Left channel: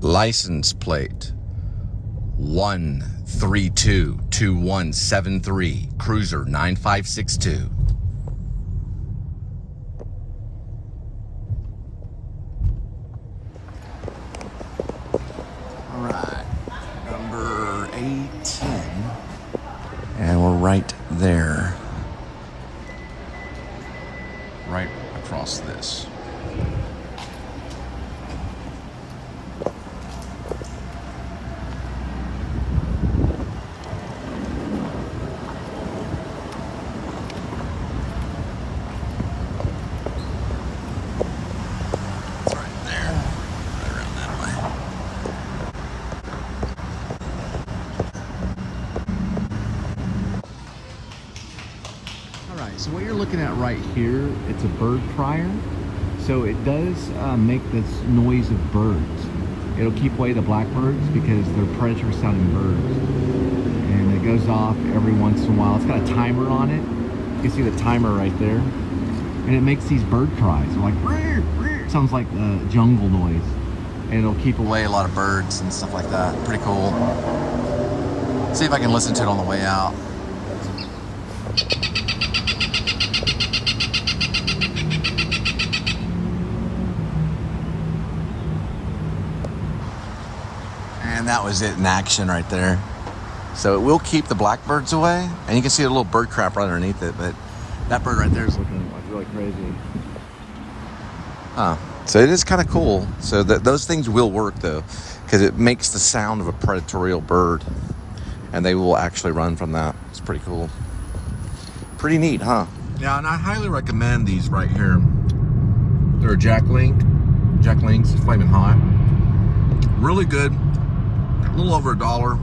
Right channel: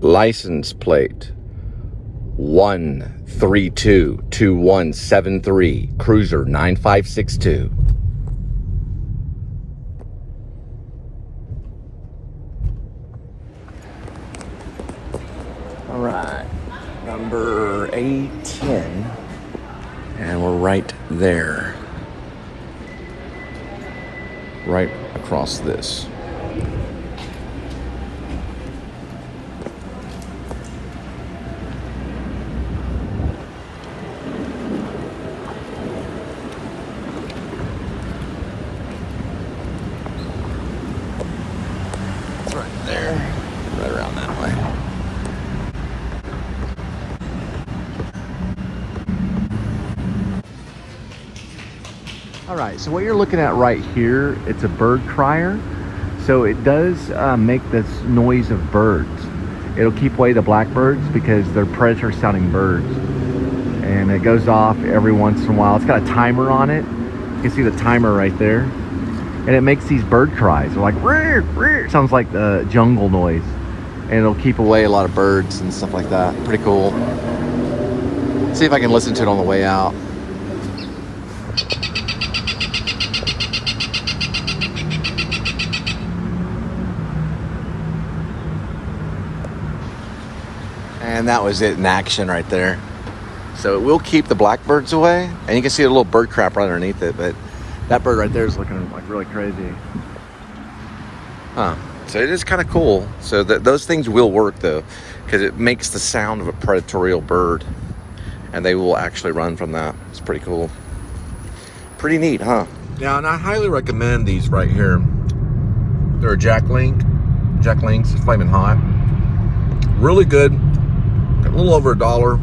license plate 1322173, cruiser 9562. All right, number 810, and we're right there, right across this. Alright, so what you're looking at right here, it's a bird crier. So it does make this noise of birds. It'll keep away the blackbirds because they're predator sounding birds. And it goes off every once in a while. It's got a timer on it. You can see the timer right there. And it makes these bird cries. They're like, rear, rear. It sounds like the jungle noise. And it'll keep away a lot of birds and stuff like that. Pretty cool. See if I can listen to it on the way out. And that was it in action right there. So it will keep the blackbirds away, and you can see a little bird crap right underneath it, but that bird right there is looking like really crazy. Huh. So it is kind of cool. So those things will work though, because it makes the sound of a predatorial bird, and they will actually run from that. It's pretty cool. Pretty neat, huh? Yeah, and I highly recommend these right here. They're a Jack Link's Flaming Hot. Really good. A little over $1,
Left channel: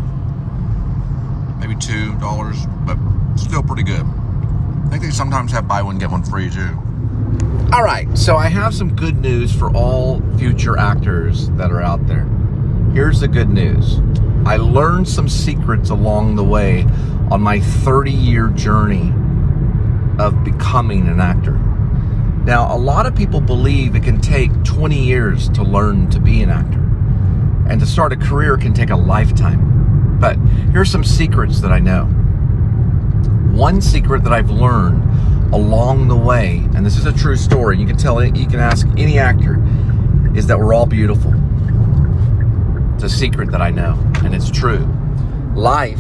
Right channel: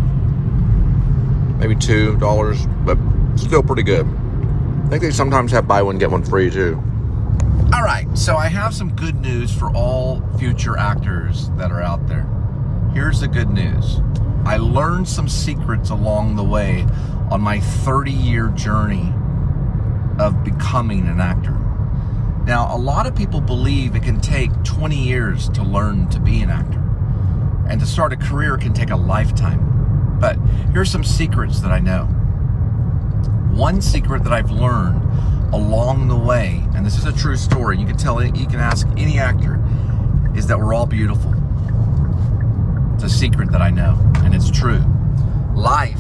maybe $2, but still pretty good. I think they sometimes have buy one, get one free too. All right, so I have some good news for all future actors that are out there. Here's the good news. I learned some secrets along the way on my 30-year journey of becoming an actor. Now, a lot of people believe it can take 20 years to learn to be an actor. And to start a career can take a lifetime. But here's some secrets that I know. One secret that I've learned along the way, and this is a true story, you can tell it, you can ask any actor, is that we're all beautiful. It's a secret that I know, and it's true. Life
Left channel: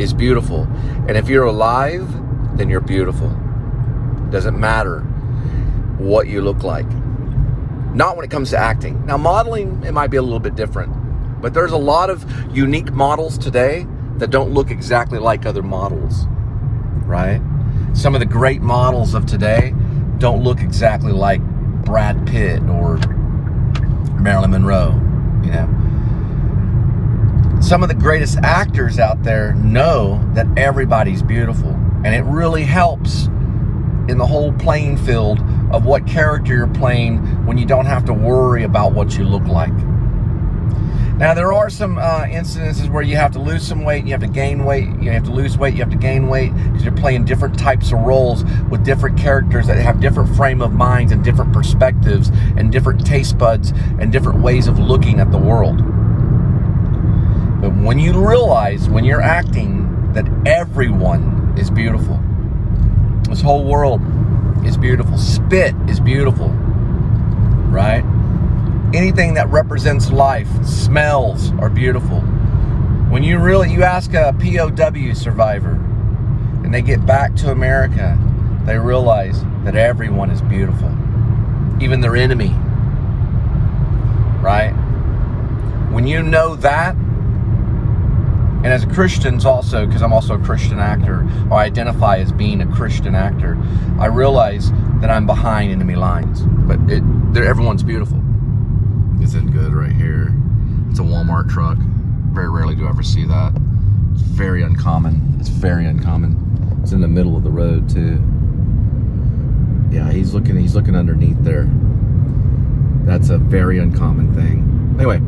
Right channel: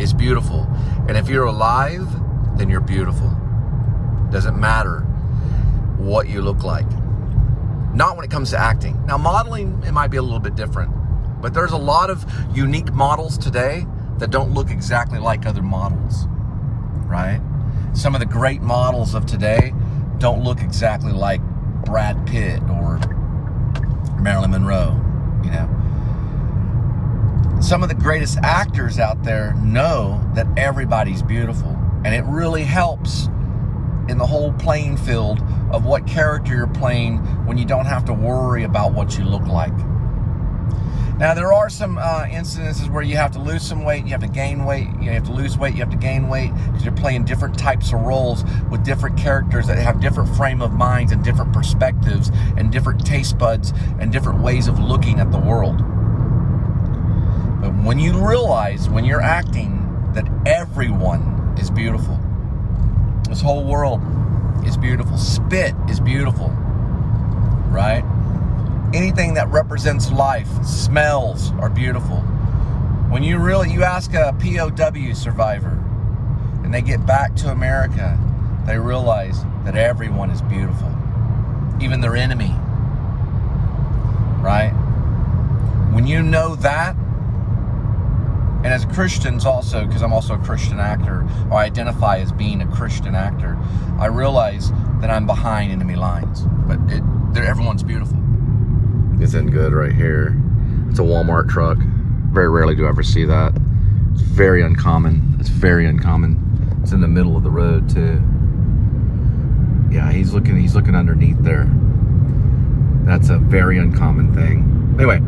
is beautiful. And if you're alive, then you're beautiful. Doesn't matter what you look like. Not when it comes to acting. Now, modeling, it might be a little bit different. But there's a lot of unique models today that don't look exactly like other models, right? Some of the great models of today don't look exactly like Brad Pitt or Marilyn Monroe, you know. Some of the greatest actors out there know that everybody's beautiful. And it really helps in the whole playing field of what character you're playing when you don't have to worry about what you look like. Now, there are some incidences where you have to lose some weight, you have to gain weight, you have to lose weight, you have to gain weight, because you're playing different types of roles with different characters that have different frame of minds and different perspectives and different taste buds and different ways of looking at the world. But when you realize, when you're acting, that everyone is beautiful. This whole world is beautiful. Spit is beautiful, right? Anything that represents life, smells are beautiful. When you ask a POW survivor and they get back to America, they realize that everyone is beautiful, even their enemy, right? When you know that, and as Christians also, because I'm also a Christian actor, or I identify as being a Christian actor, I realize that I'm behind enemy lines, but everyone's beautiful. Isn't good right here. It's a Walmart truck. Very rarely do I ever see that. It's very uncommon. It's very uncommon. It's in the middle of the road too. Yeah, he's looking underneath there. That's a very uncommon thing. Anyway,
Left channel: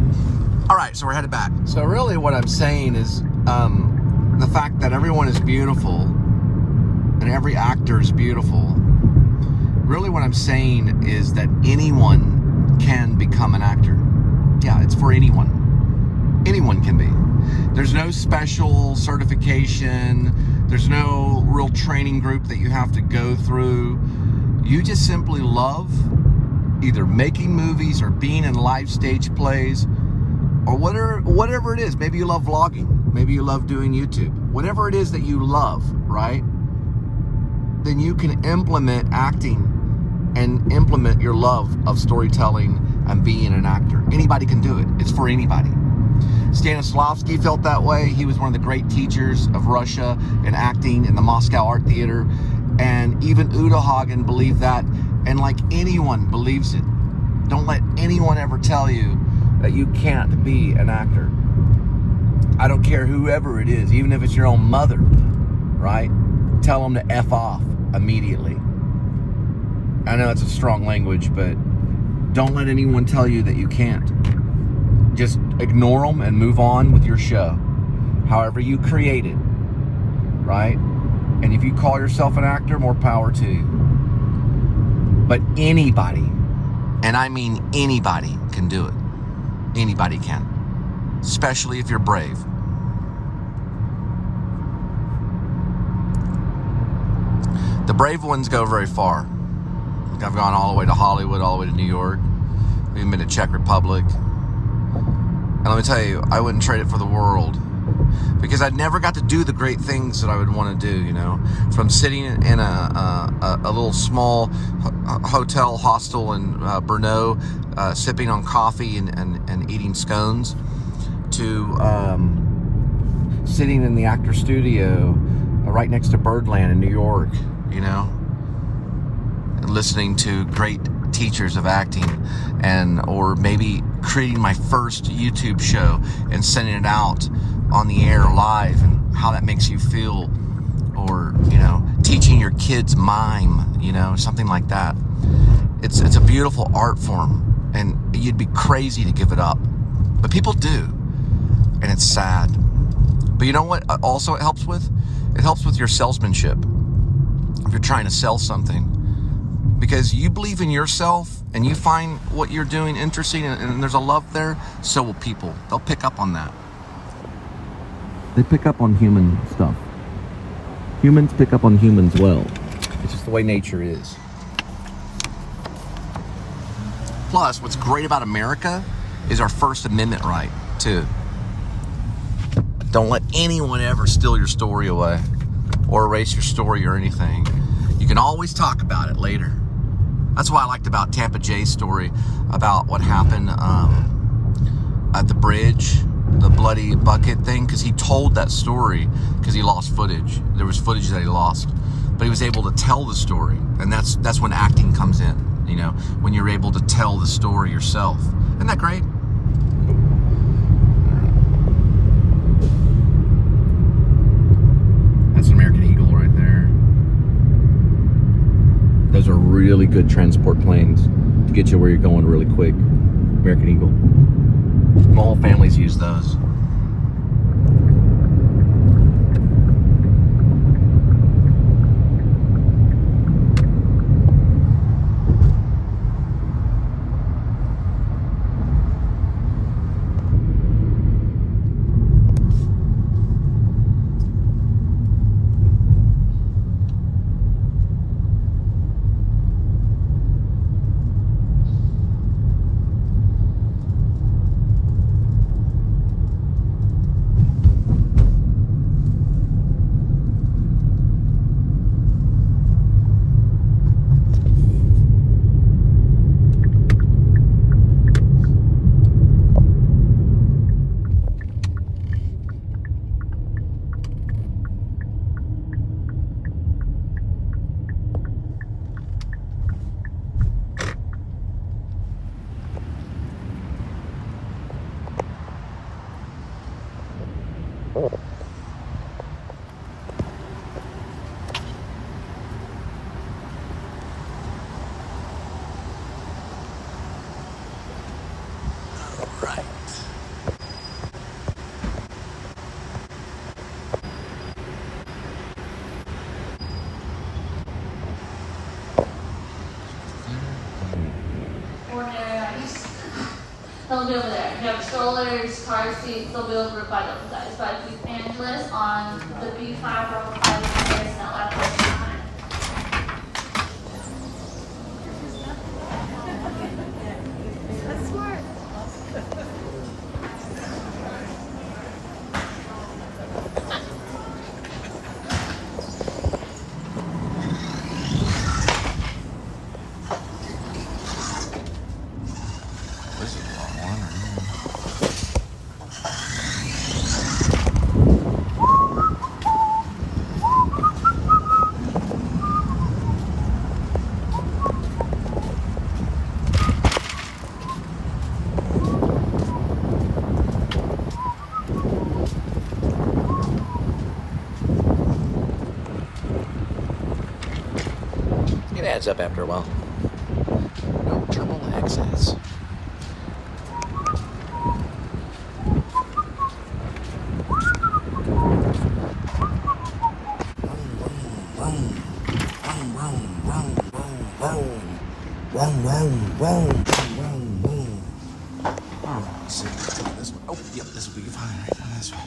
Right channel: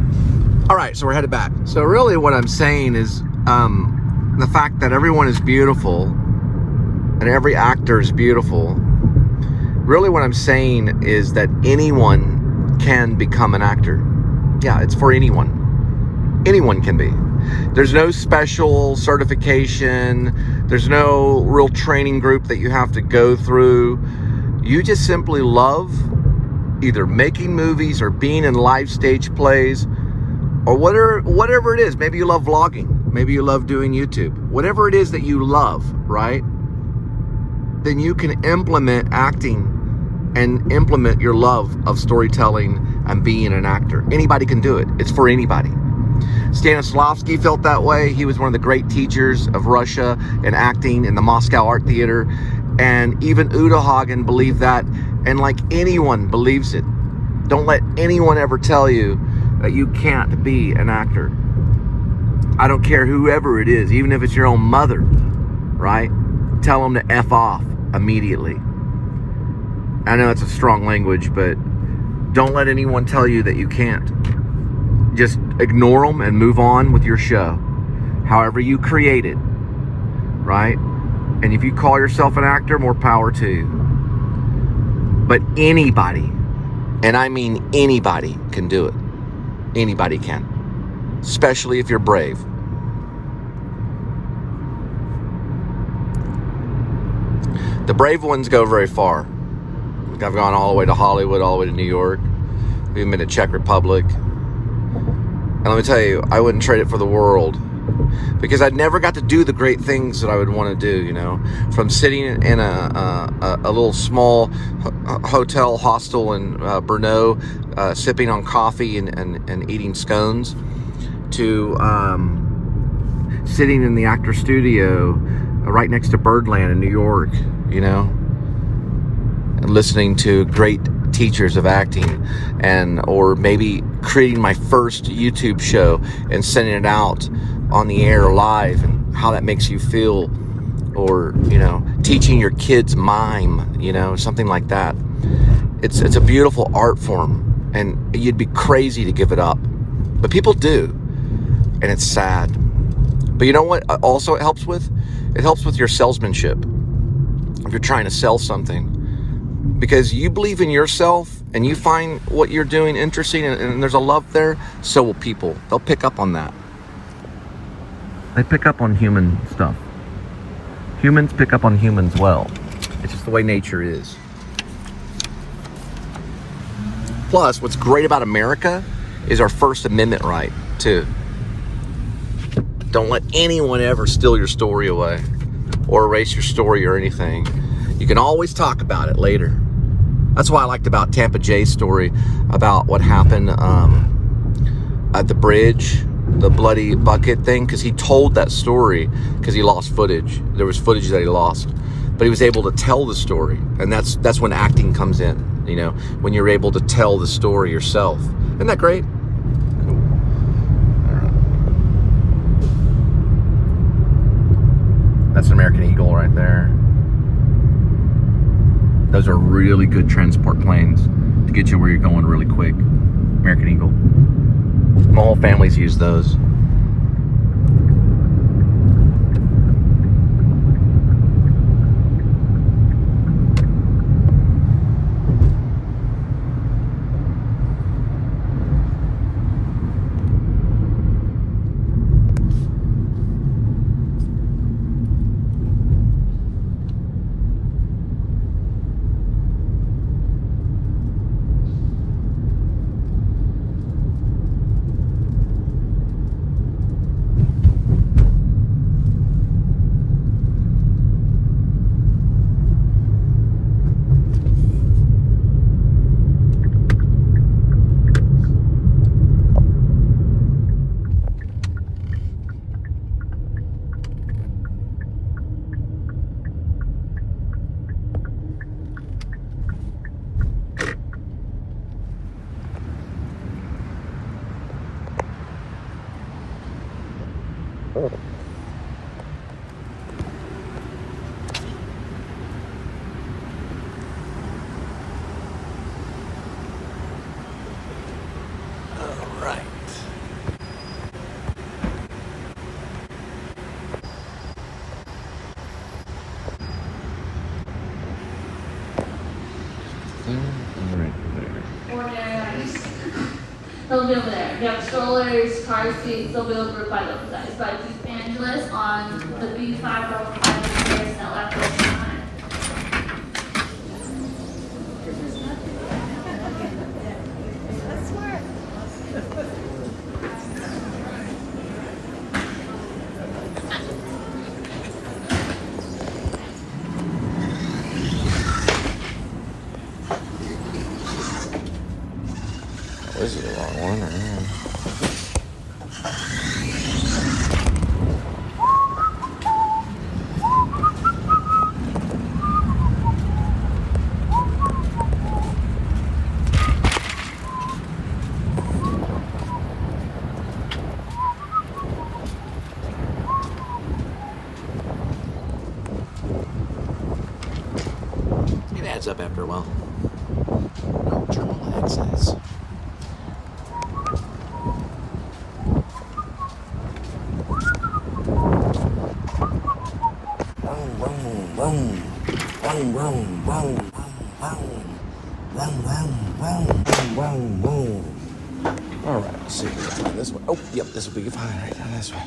all right, so we're headed back. So really what I'm saying is the fact that everyone is beautiful and every actor is beautiful. Really what I'm saying is that anyone can become an actor. Yeah, it's for anyone. Anyone can be. There's no special certification. There's no real training group that you have to go through. You just simply love either making movies or being in live stage plays or whatever it is. Maybe you love vlogging. Maybe you love doing YouTube. Whatever it is that you love, right? Then you can implement acting and implement your love of storytelling and being an actor. Anybody can do it. It's for anybody. Stanislavski felt that way. He was one of the great teachers of Russia in acting in the Moscow Art Theater. And even Udo Hagen believed that. And like anyone believes it. Don't let anyone ever tell you that you can't be an actor. I don't care whoever it is, even if it's your own mother, right? Tell them to F off immediately. I know it's a strong language, but don't let anyone tell you that you can't. Just ignore them and move on with your show. However you create it, right? And if you call yourself an actor, more power to you. But anybody, and I mean anybody, can do it. Anybody can. Especially if you're brave. The brave ones go very far. I've gone all the way to Hollywood, all the way to New York. We've even been to Czech Republic. And let me tell you, I wouldn't trade it for the world. Because I never got to do the great things that I would want to do, you know. From sitting in a little small hotel hostel in Brno, sipping on coffee and eating scones, to sitting in the actor studio right next to Birdland in New York, you know. And listening to great teachers of acting, or maybe creating my first YouTube show and sending it out on the air live, and how that makes you feel, or, you know, teaching your kids mime, you know, something like that. It's a beautiful art form, and you'd be crazy to give it up, but people do, and it's sad. But you know what also it helps with? It helps with your salesmanship. If you're trying to sell something, because you believe in yourself and you find what you're doing interesting, and there's a love there, so will people. They'll pick up on that. They pick up on human stuff. Humans pick up on humans well. It's just the way nature is. Plus, what's great about America is our First Amendment right, too. Don't let anyone ever steal your story away or erase your story or anything. You can always talk about it later. That's why I liked about Tampa Jay's story about what happened at the bridge, the bloody bucket thing, because he told that story because he lost footage. There was footage that he lost, but he was able to tell the story, and that's when acting comes in. You know, when you're able to tell the story yourself. Isn't that great? That's an American Eagle right there. Those are really good transport planes to get you where you're going really quick. American Eagle. My whole family's used those. They'll be over there. They have strollers, car seats. They'll be over by those guys. By East Angeles on the B5 or 5 stairs that left us. That's smart. Oh, this is the wrong one right here. It adds up after a while. No trouble access. All right, let's see if we can find this one. Oh, yep, this will be fine right down this way.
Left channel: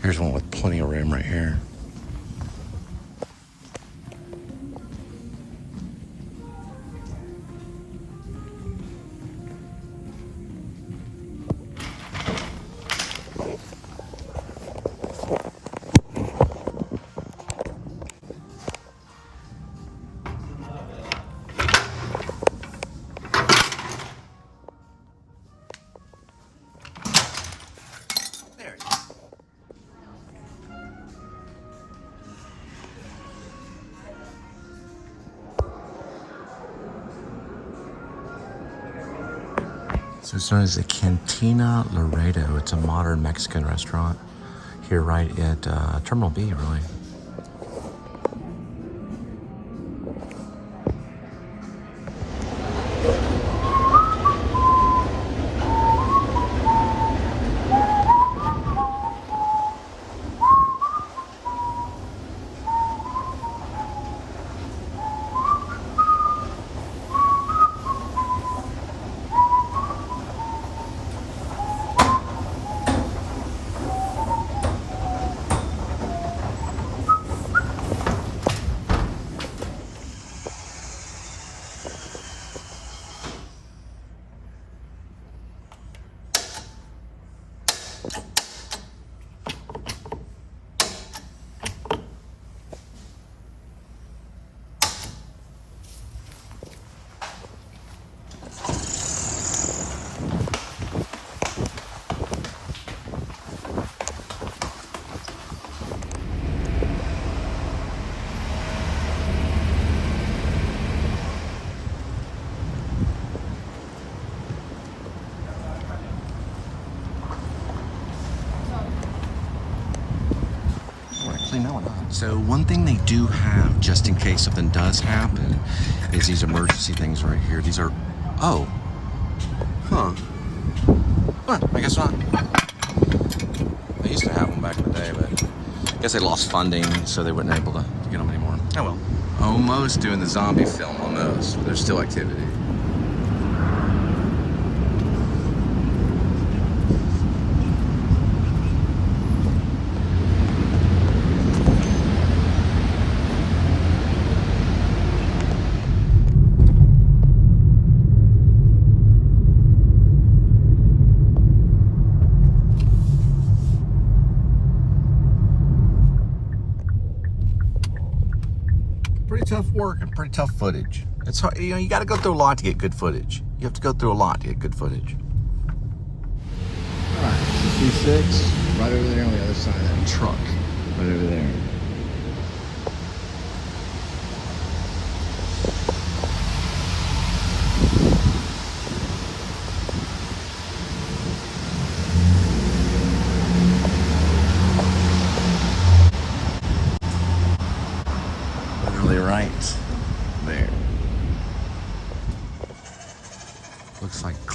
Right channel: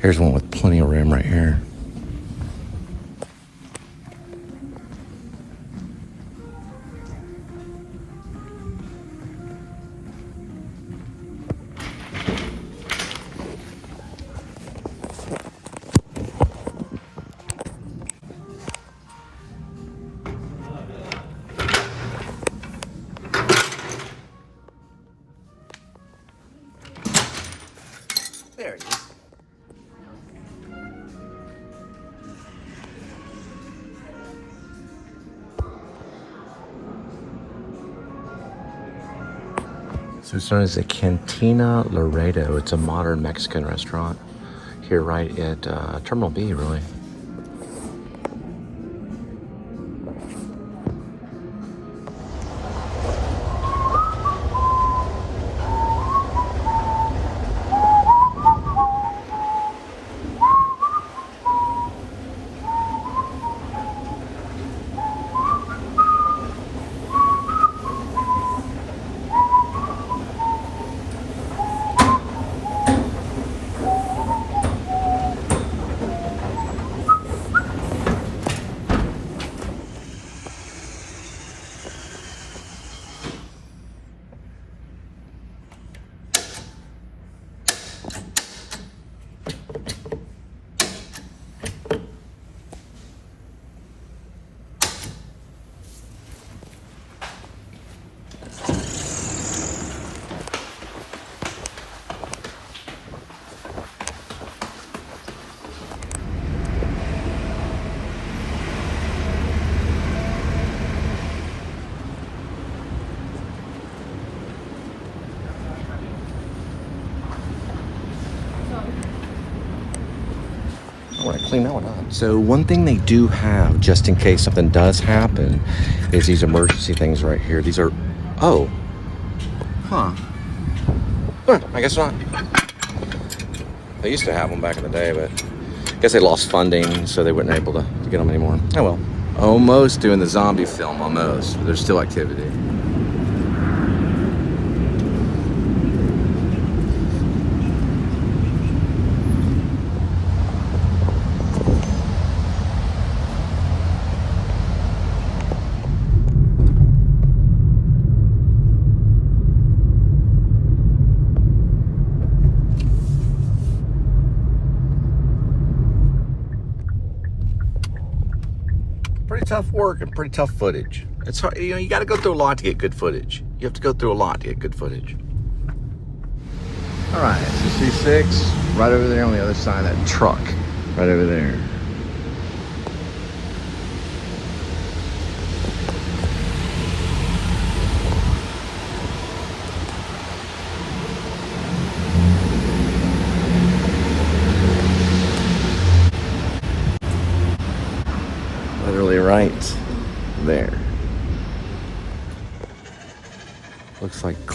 Here's one with plenty of room right here. There it is. So it's known as the Cantina Laredo. It's a modern Mexican restaurant here right at Terminal B, really. Clean that one up. So one thing they do have, just in case something does happen, is these emergency things right here. These are, oh, huh, I guess not. They used to have them back in the day, but I guess they lost funding, so they weren't able to get them anymore. Oh well. Almost doing the zombie film, almost, but there's still activity. Pretty tough work and pretty tough footage. It's hard, you know, you got to go through a lot to get good footage. You have to go through a lot to get good footage. All right, 66, right over there on the other side of that truck, right over there.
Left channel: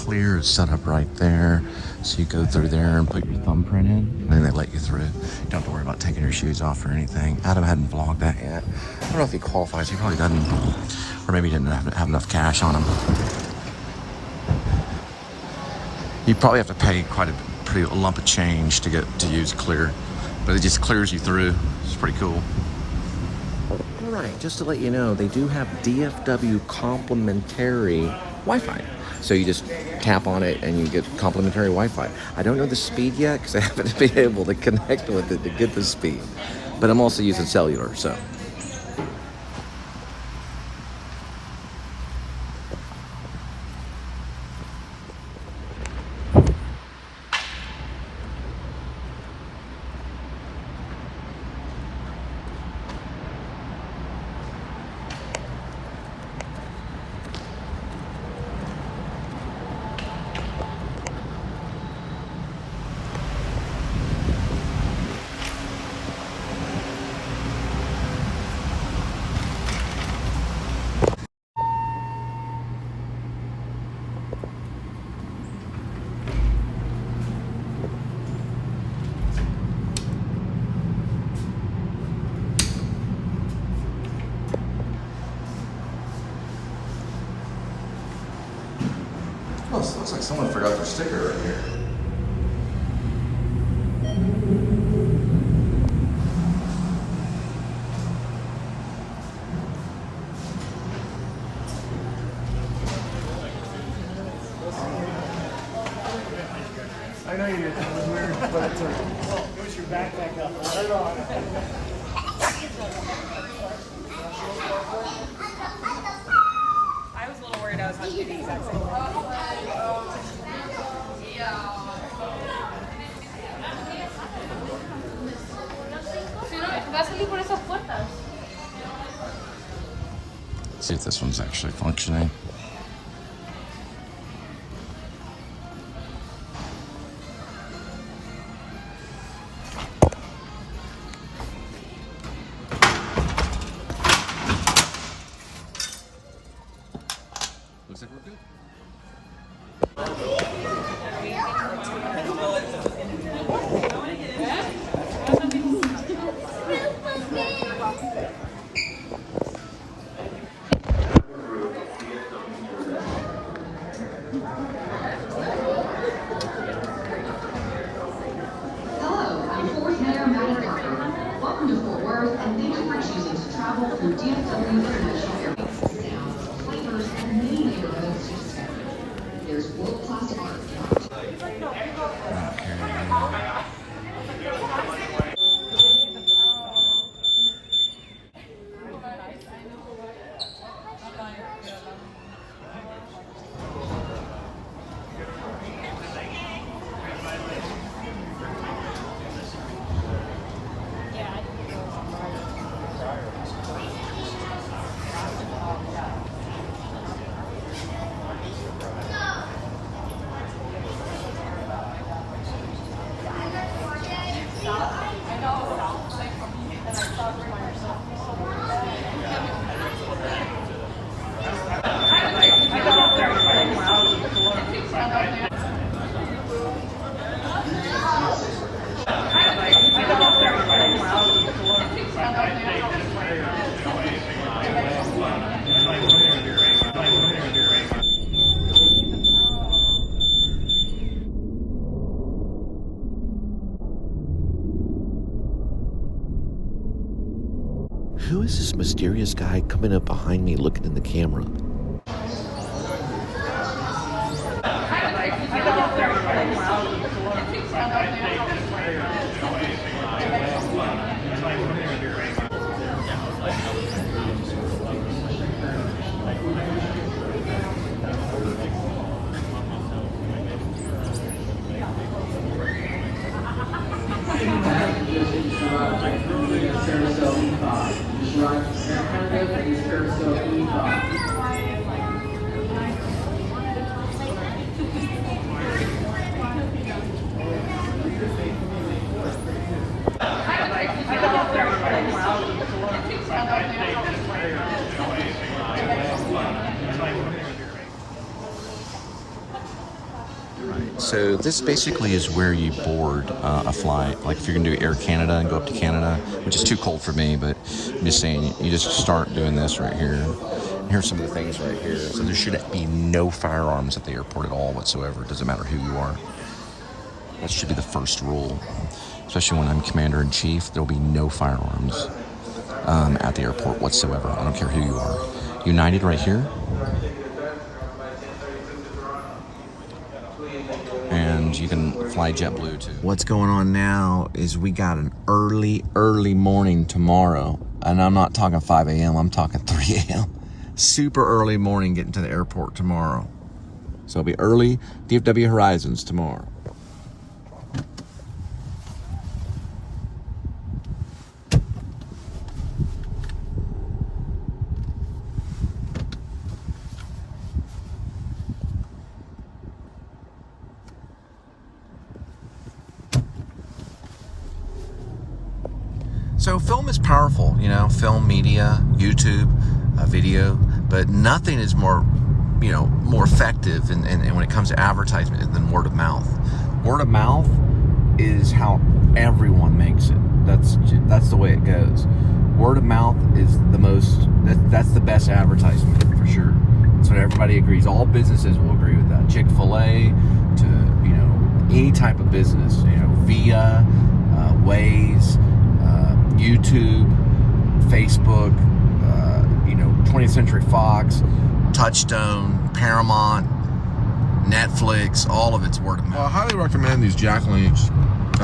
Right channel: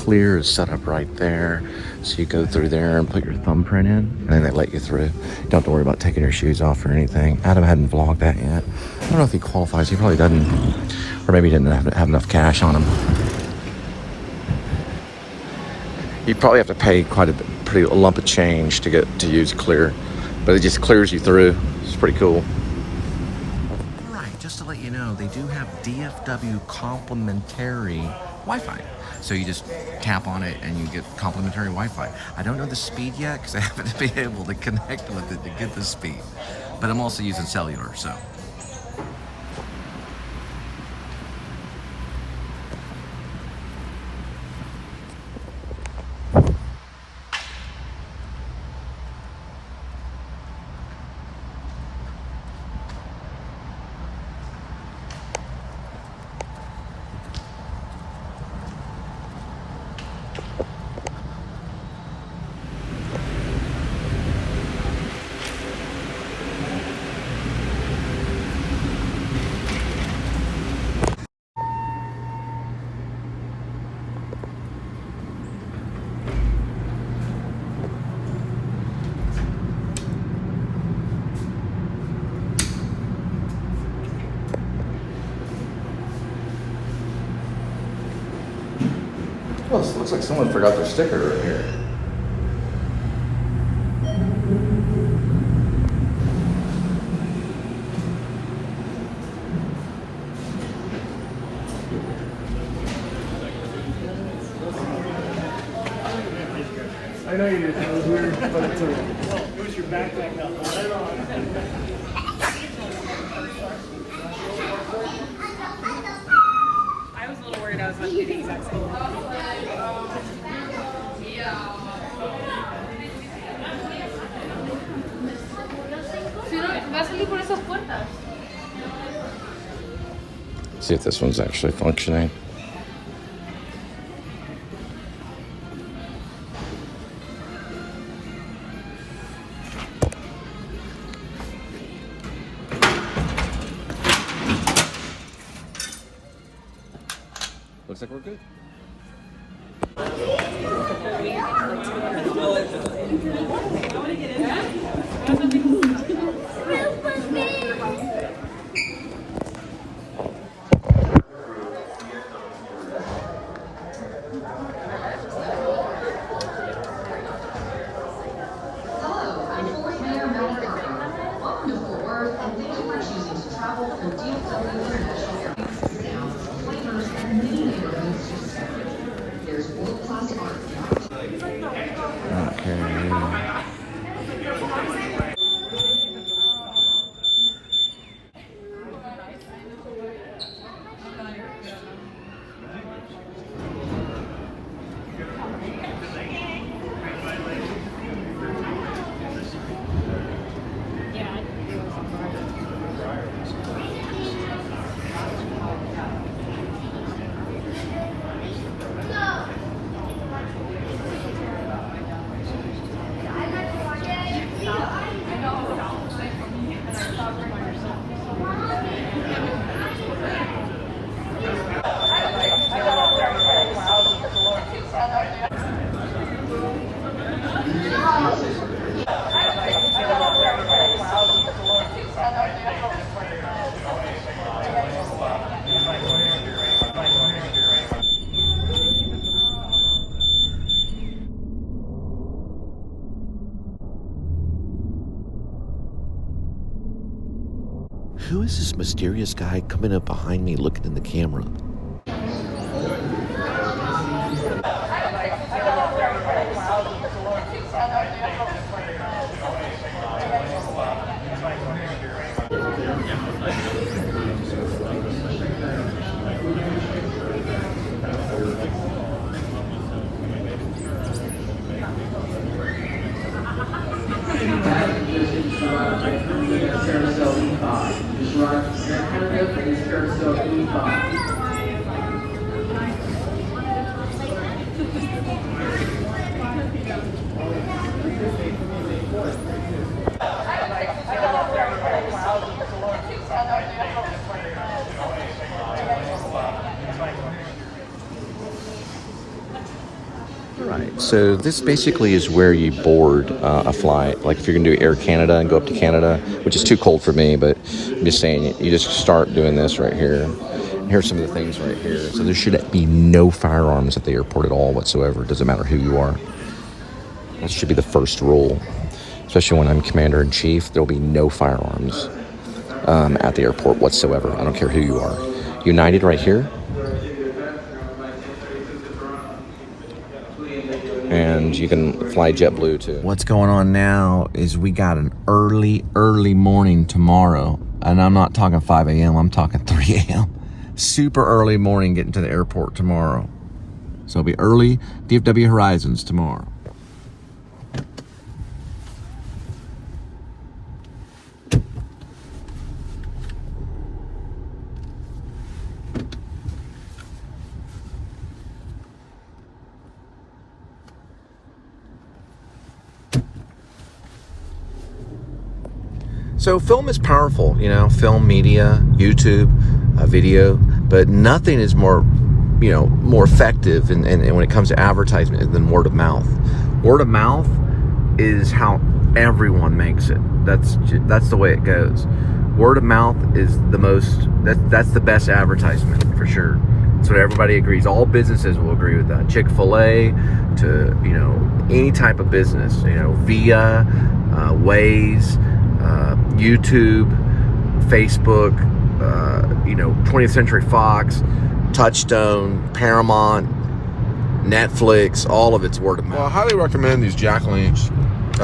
clear is set up right there. So you go through there and put your thumbprint in, and then they let you through. You don't have to worry about taking your shoes off or anything. Adam hadn't vlogged that yet. I don't know if he qualifies. He probably doesn't. Or maybe he didn't have enough cash on him. You probably have to pay quite a lump of change to get to use clear. But it just clears you through. It's pretty cool. All right, just to let you know, they do have DFW complimentary Wi-Fi. So you just tap on it and you get complimentary Wi-Fi. I don't know the speed yet because I haven't been able to connect with it to get the speed. But I'm also using cellular, so. Well, it looks like someone forgot their sticker right here. I know you did. That was weird, but it was your backpack that right on. I was a little worried I was going to do the exact same thing. See if this one's actually functioning. Looks like we're good. Welcome to Fort Worth, and thank you for choosing to travel through DFW International Airport. Flavors and many neighborhoods. There's world-class art. Okay. Who is this mysterious guy coming up behind me looking in the camera? So this basically is where you board a flight. Like if you're gonna do Air Canada and go up to Canada, which is too cold for me, but I'm just saying, you just start doing this right here. And here's some of the things right here. So there should be no firearms at the airport at all whatsoever. It doesn't matter who you are. That should be the first rule. Especially when I'm commander-in-chief, there'll be no firearms at the airport whatsoever. I don't care who you are. United right here. And you can fly JetBlue too. What's going on now is we got an early morning tomorrow. And I'm not talking 5 a.m., I'm talking 3 a.m. Super early morning getting to the airport tomorrow. So it'll be early DFW Horizons tomorrow. So film is powerful, you know, film media, YouTube, video, but nothing is more, you know, more effective and when it comes to advertisement than word of mouth. Word of mouth is how everyone makes it. That's the way it goes. Word of mouth is the most, that's the best advertisement for sure. That's what everybody agrees. All businesses will agree with that. Chick-fil-A to, you know, any type of business, you know, Via, Waze, YouTube, Facebook, you know, 20th Century Fox, Touchstone, Paramount, Netflix, all of it's word of mouth. Well, I highly recommend these Jack Lynch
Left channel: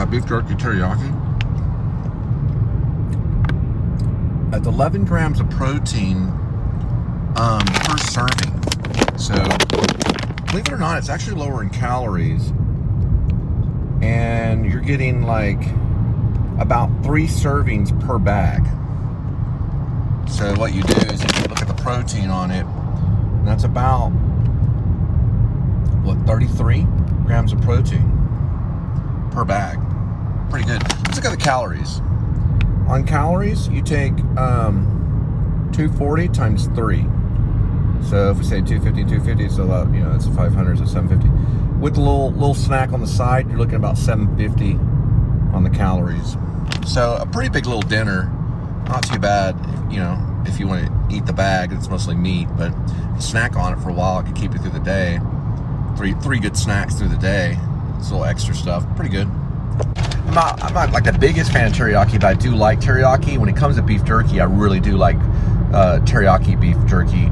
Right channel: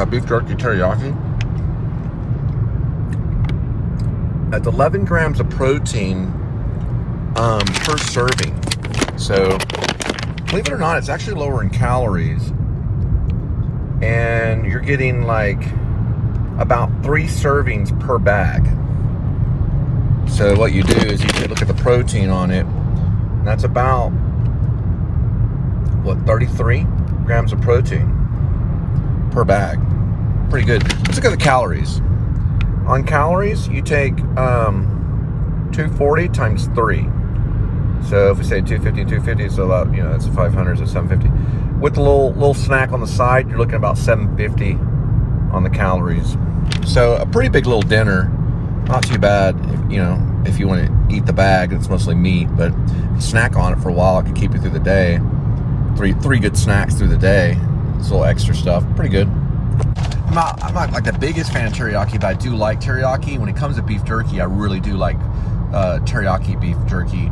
beef jerky teriyaki. That's 11 grams of protein per serving. So, believe it or not, it's actually lower in calories. And you're getting like about 3 servings per bag. So what you do is you look at the protein on it, and that's about, what, 33 grams of protein per bag. Pretty good. Let's look at the calories. On calories, you take 240 times 3. So if we say 250, so about, you know, that's 500, so 750. With a little snack on the side, you're looking at about 750 on the calories. So a pretty big little dinner, not too bad, you know, if you want to eat the bag, it's mostly meat, but snack on it for a while, it could keep you through the day. Three good snacks through the day. It's a little extra stuff, pretty good. I'm not like the biggest fan of teriyaki, but I do like teriyaki. When it comes to beef jerky, I really do like teriyaki beef jerky.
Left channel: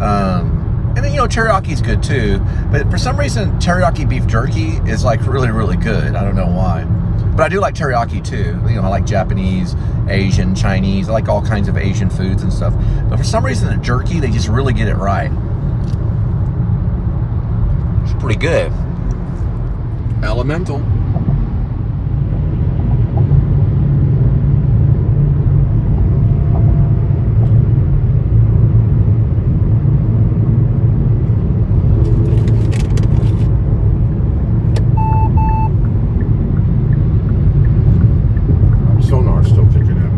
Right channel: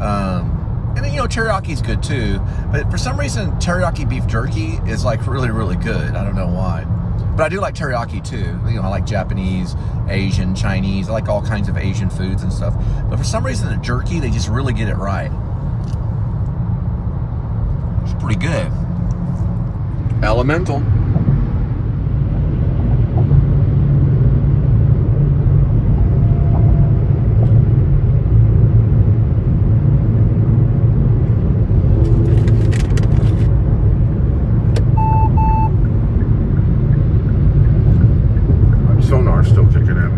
And then, you know, teriyaki is good too, but for some reason, teriyaki beef jerky is like really, really good. I don't know why. But I do like teriyaki too. You know, I like Japanese, Asian, Chinese. I like all kinds of Asian foods and stuff. But for some reason, the jerky, they just really get it right. It's pretty good. Elemental. Sonar's still kicking in.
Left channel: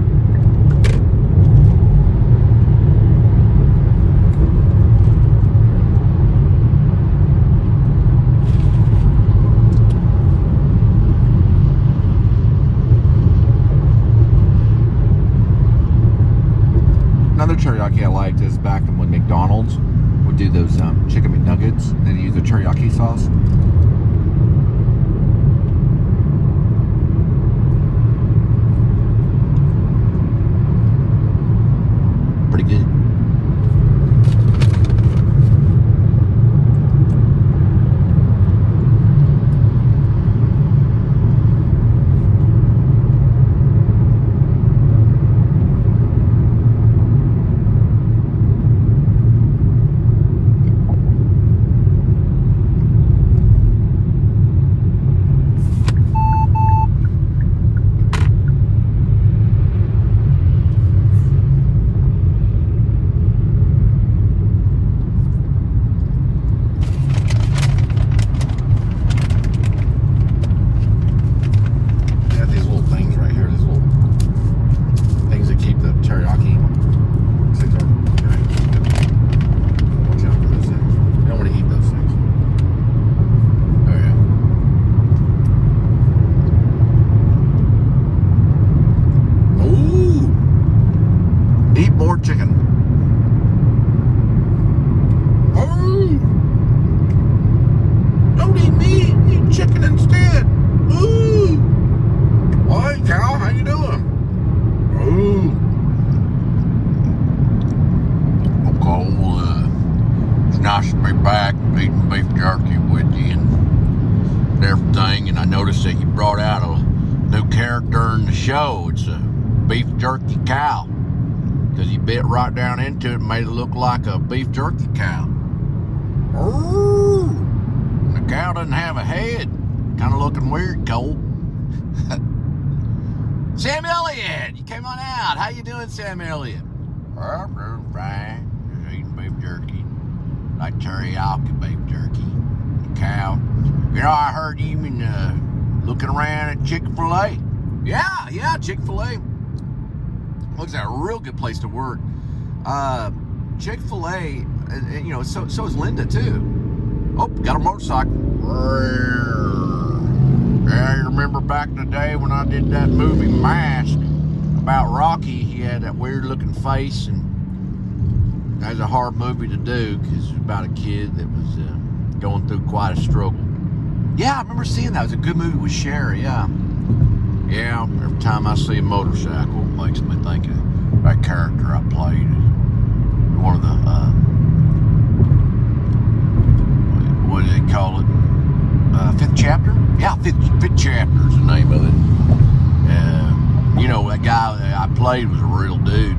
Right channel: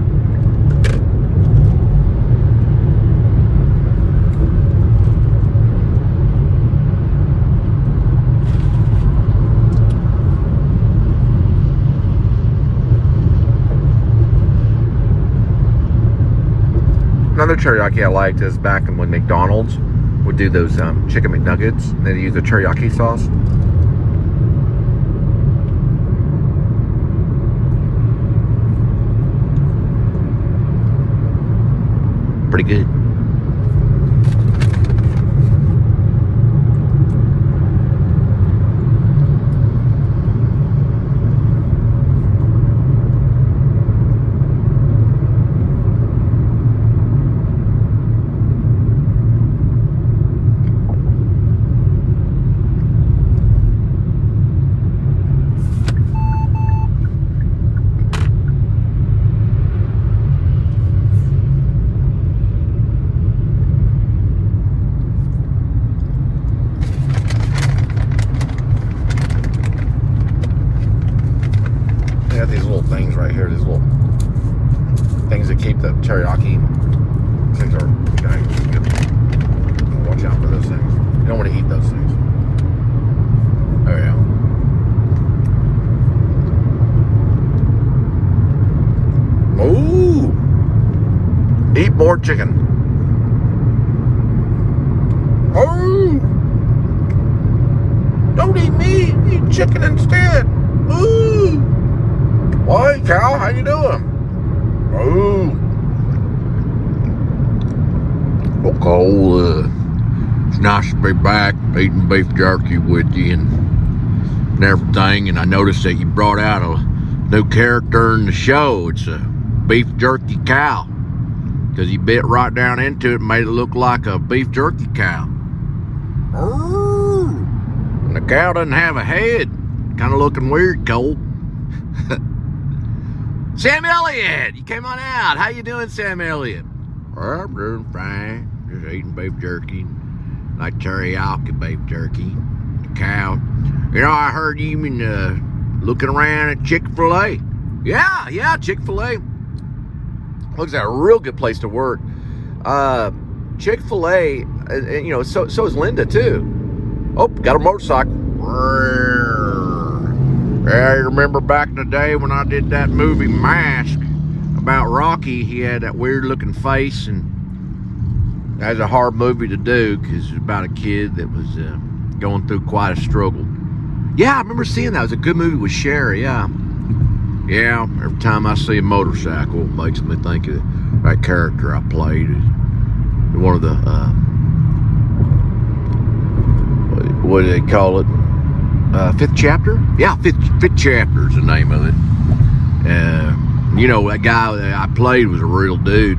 Another teriyaki I liked is back when McDonald's would do those chicken McNuggets, and they'd use the teriyaki sauce. Pretty good. more chicken. Oh! Don't eat meat, eat chicken instead. Ooh! Why, cow? How you doing? Oh! Well, Cole, it's nice to be back eating beef jerky with you and everything. And I noticed that you brought out a new character in the show. It's a beef jerky cow. Because you bit right down into it and made it look like a beef jerky cow. And the cow doesn't have a head. Kind of looking weird, Cole. Sam Elliott, you came on out. How you doing, Sam Elliott? Well, I'm doing fine. Just eating beef jerky. Like teriyaki beef jerky. Cow. You know, I heard you been looking around at Chick-fil-A. Yeah, Chick-fil-A. Looks like a real good place to work. Chick-fil-A, you know, so is Linda too. Oh, got a motorcycle. Yeah, you remember back in the day when I did that movie Mask about Rocky? He had that weird looking face, and that was a hard movie to do because it was about a kid that was going through quite a struggle. Yeah, I remember seeing that. It was a good movie with Sherry, yeah. Yeah, every time I see a motorcycle, it makes me think of that character I played. One of the, what do they call it? Fifth chapter? Yeah, fifth chapter is the name of it. You know, that guy that I played was a real dude.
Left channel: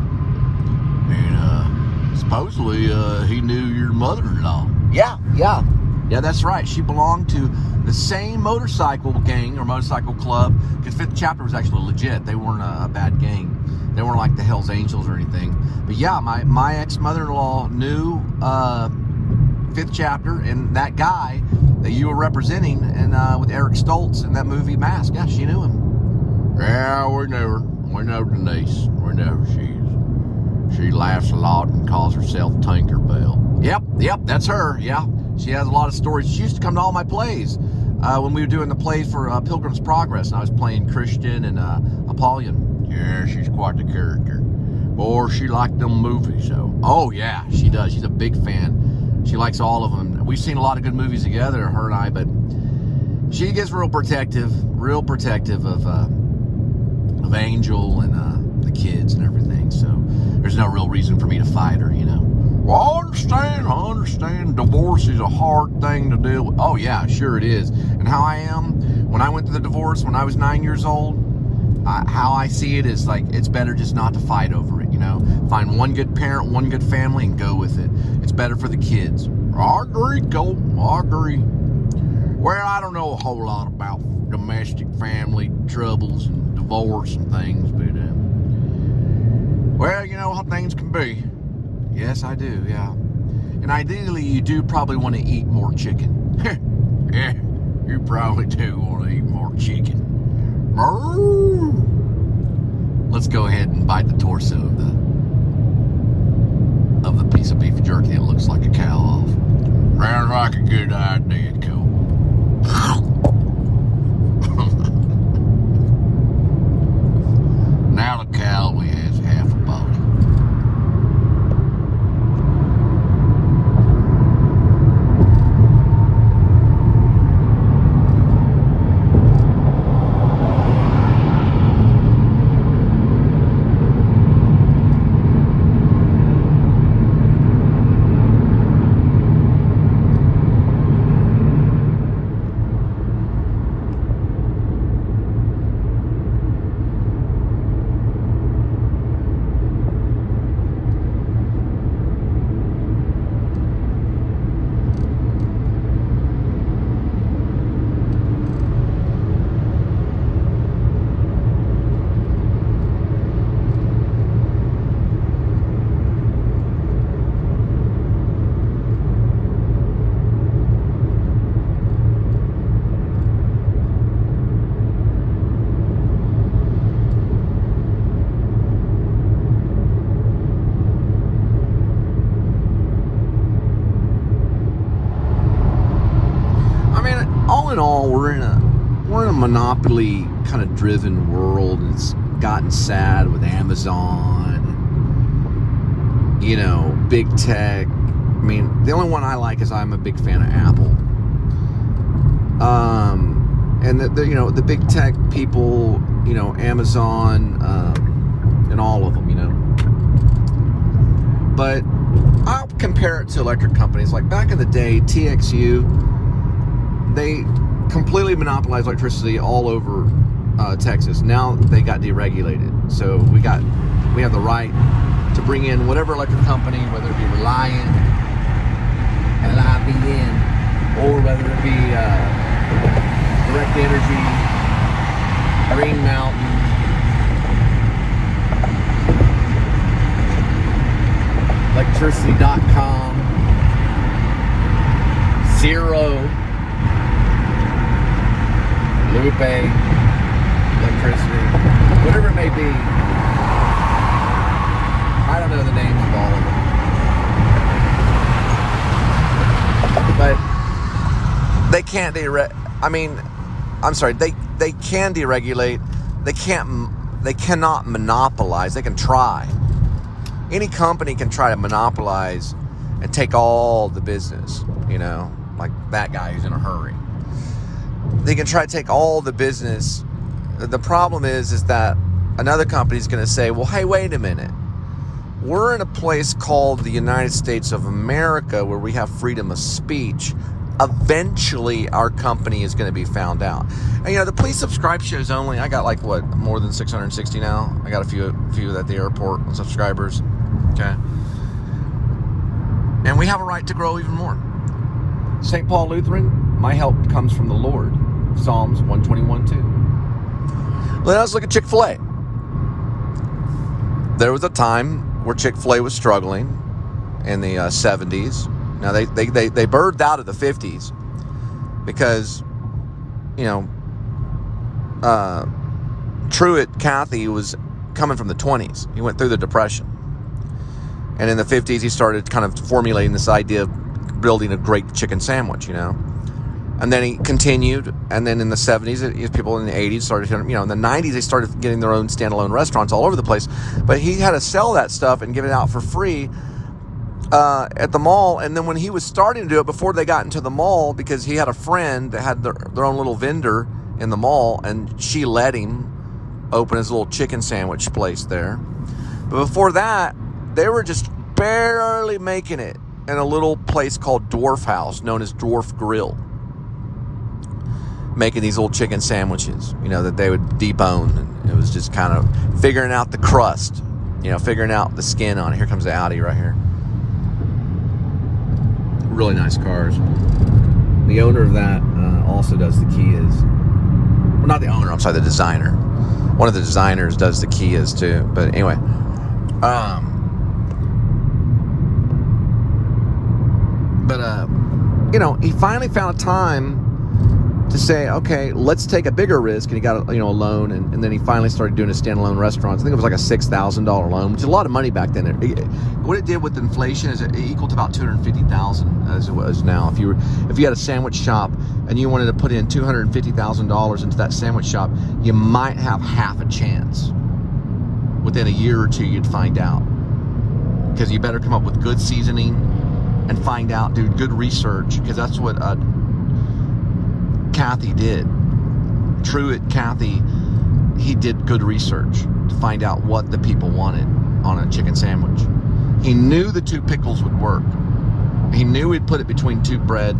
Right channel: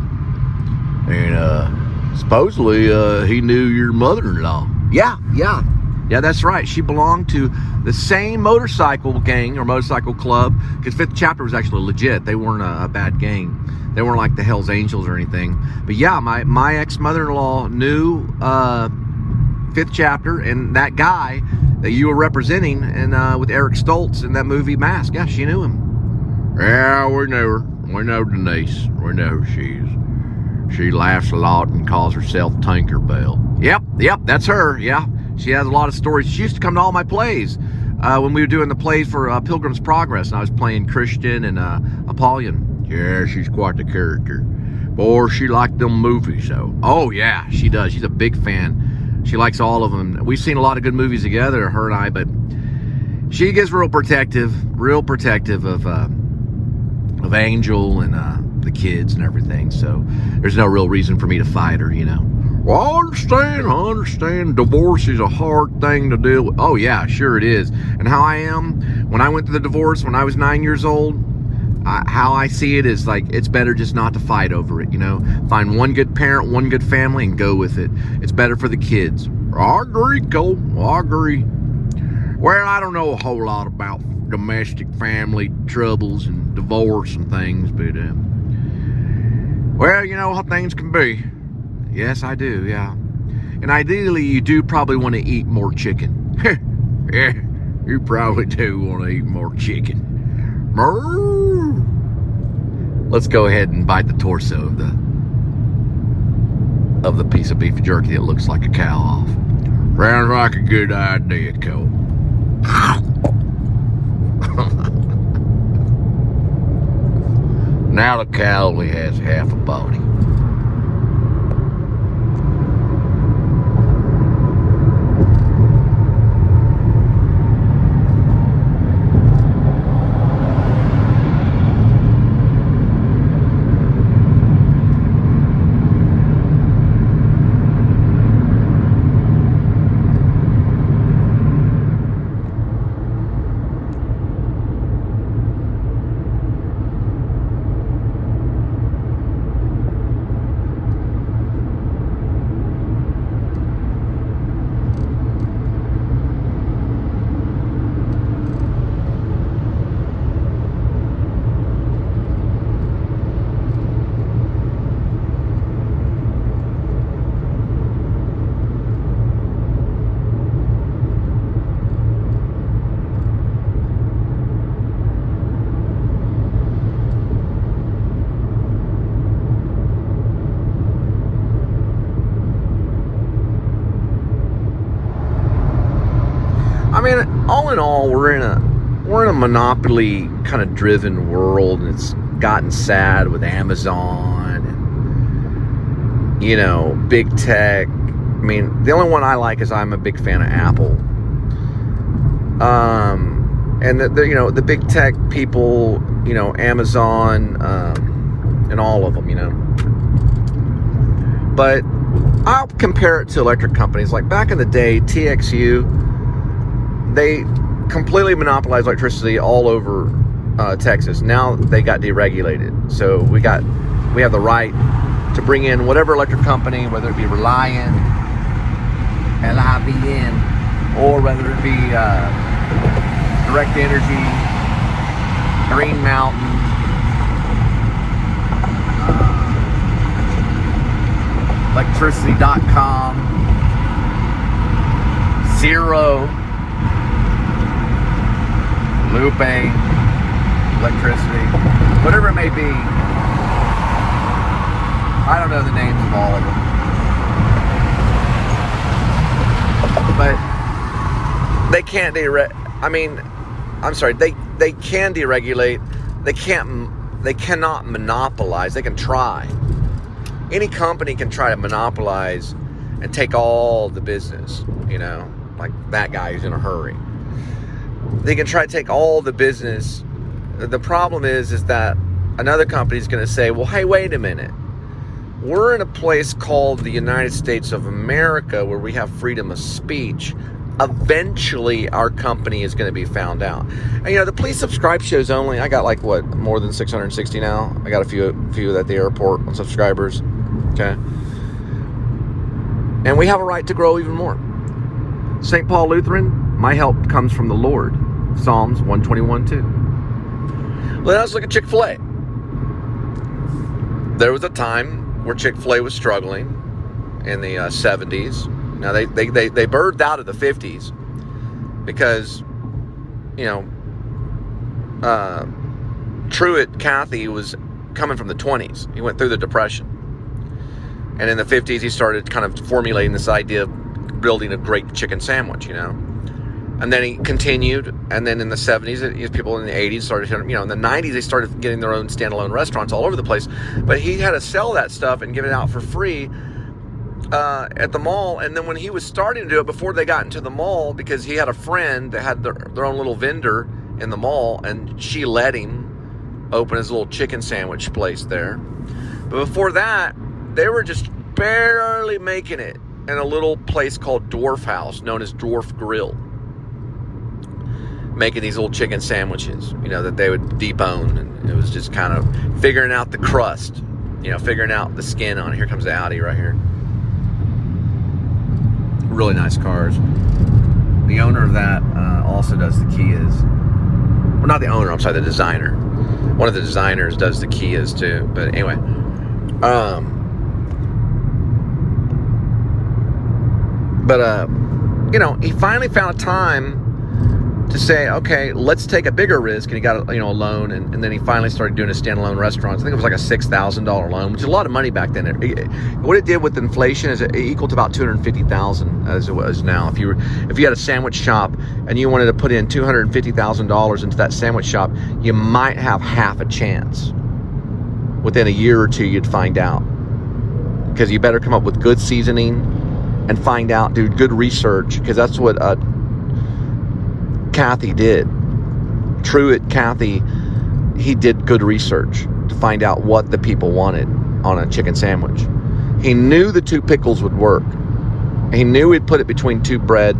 And supposedly he knew your mother-in-law. Yeah, that's right. She belonged to the same motorcycle gang or motorcycle club, because Fifth Chapter was actually legit. They weren't a bad gang. They weren't like the Hells Angels or anything. But yeah, my ex-mother-in-law knew Fifth Chapter, and that guy that you were representing and with Eric Stoltz in that movie Mask. Yeah, she knew him. Yeah, we knew her. We know Denise. We know who she is. She laughs a lot and calls herself Tinkerbell. Yep, that's her. Yeah. She has a lot of stories. She used to come to all my plays when we were doing the plays for Pilgrim's Progress, and I was playing Christian and Apollyon. Yeah, she's quite the character. Boy, she liked them movies, though. Oh, yeah, she does. She's a big fan. She likes all of them. We've seen a lot of good movies together, her and I, but she gets real protective of Angel and the kids and everything, so there's no real reason for me to fight her, you know. Well, I understand. Divorce is a hard thing to deal with. Oh, yeah, sure it is. And how I am, when I went through the divorce when I was 9 years old, how I see it is like, it's better just not to fight over it, you know. Find one good parent, one good family, and go with it. It's better for the kids. I agree, Cole. I agree. Well, I don't know a whole lot about domestic family troubles and divorce and things, but, well, you know how things can be. Yes, I do, yeah. And ideally, you do probably want to eat more chicken. Yeah, you probably do want to eat more chicken. Let's go ahead and bite the torso of the piece of beef jerky that looks like a cow off. Sounds like a good idea, Cole. Now the cow only has half a body. All in all, we're in a monopoly kind of driven world, and it's gotten sad with Amazon you know, big tech. I mean, the only one I like is I'm a big fan of Apple. And the you know, the big tech people, you know, Amazon, and all of them, you know. But I'll compare it to electric companies. Like back in the day, TXU, they completely monopolized electricity all over Texas. Now they got deregulated. So we have the right to bring in whatever electric company, whether it be Reliant, LIVN, or whether it be Direct Energy, Green Mountain, Electricity.com, Zero, Lupe, Electricity, whatever it may be. I don't know the names of all of them. But they can't they can deregulate. They cannot monopolize. They can try. Any company can try to monopolize and take all the business, you know, like that guy who's in a hurry. They can try to take all the business. The problem is that another company is going to say, well, hey, wait a minute. We're in a place called the United States of America where we have freedom of speech. Eventually, our company is going to be found out. And, you know, the Please Subscribe shows only, I got like, what, more than 660 now? I got a few at the airport on subscribers. Okay. And we have a right to grow even more. St. Paul Lutheran, my help comes from the Lord. Psalms 121:2. Let's look at Chick-fil-A. There was a time where Chick-fil-A was struggling in the 70s. Now, they birthed out of the 50s because, you know, Truett Cathy was coming from the 20s. He went through the Depression. And in the 50s, he started kind of formulating this idea of building a great chicken sandwich, you know. And then he continued. And then in the 70s, people in the 80s started, you know, in the 90s, they started getting their own standalone restaurants all over the place. But he had to sell that stuff and give it out for free at the mall. And then when he was starting to do it, before they got into the mall, because he had a friend that had their own little vendor in the mall, and she let him open his little chicken sandwich place there. But before that, they were just barely making it in a little place called Dwarf House, known as Dwarf Grill, making these little chicken sandwiches, you know, that they would debone. And it was just kind of figuring out the crust, you know, figuring out the skin on it. Here comes the Audi right here. Really nice cars. The owner of that also does the Kias. Well, not the owner, I'm sorry, the designer. One of the designers does the Kias too. But anyway, you know, he finally found a time to say, okay, let's take a bigger risk. And he got, you know, a loan, and then he finally started doing his standalone restaurants. I think it was like a $6,000 loan, which is a lot of money back then. What it did with inflation is it equal to about $250,000 as it was now. If you had a sandwich shop and you wanted to put in $250,000 into that sandwich shop, you might have half a chance. Within a year or two, you'd find out, because you better come up with good seasoning and find out, do good research, because that's what Cathy did. Truett Cathy, he did good research to find out what the people wanted on a chicken sandwich. He knew the two pickles would work. He knew he'd put it between two bread.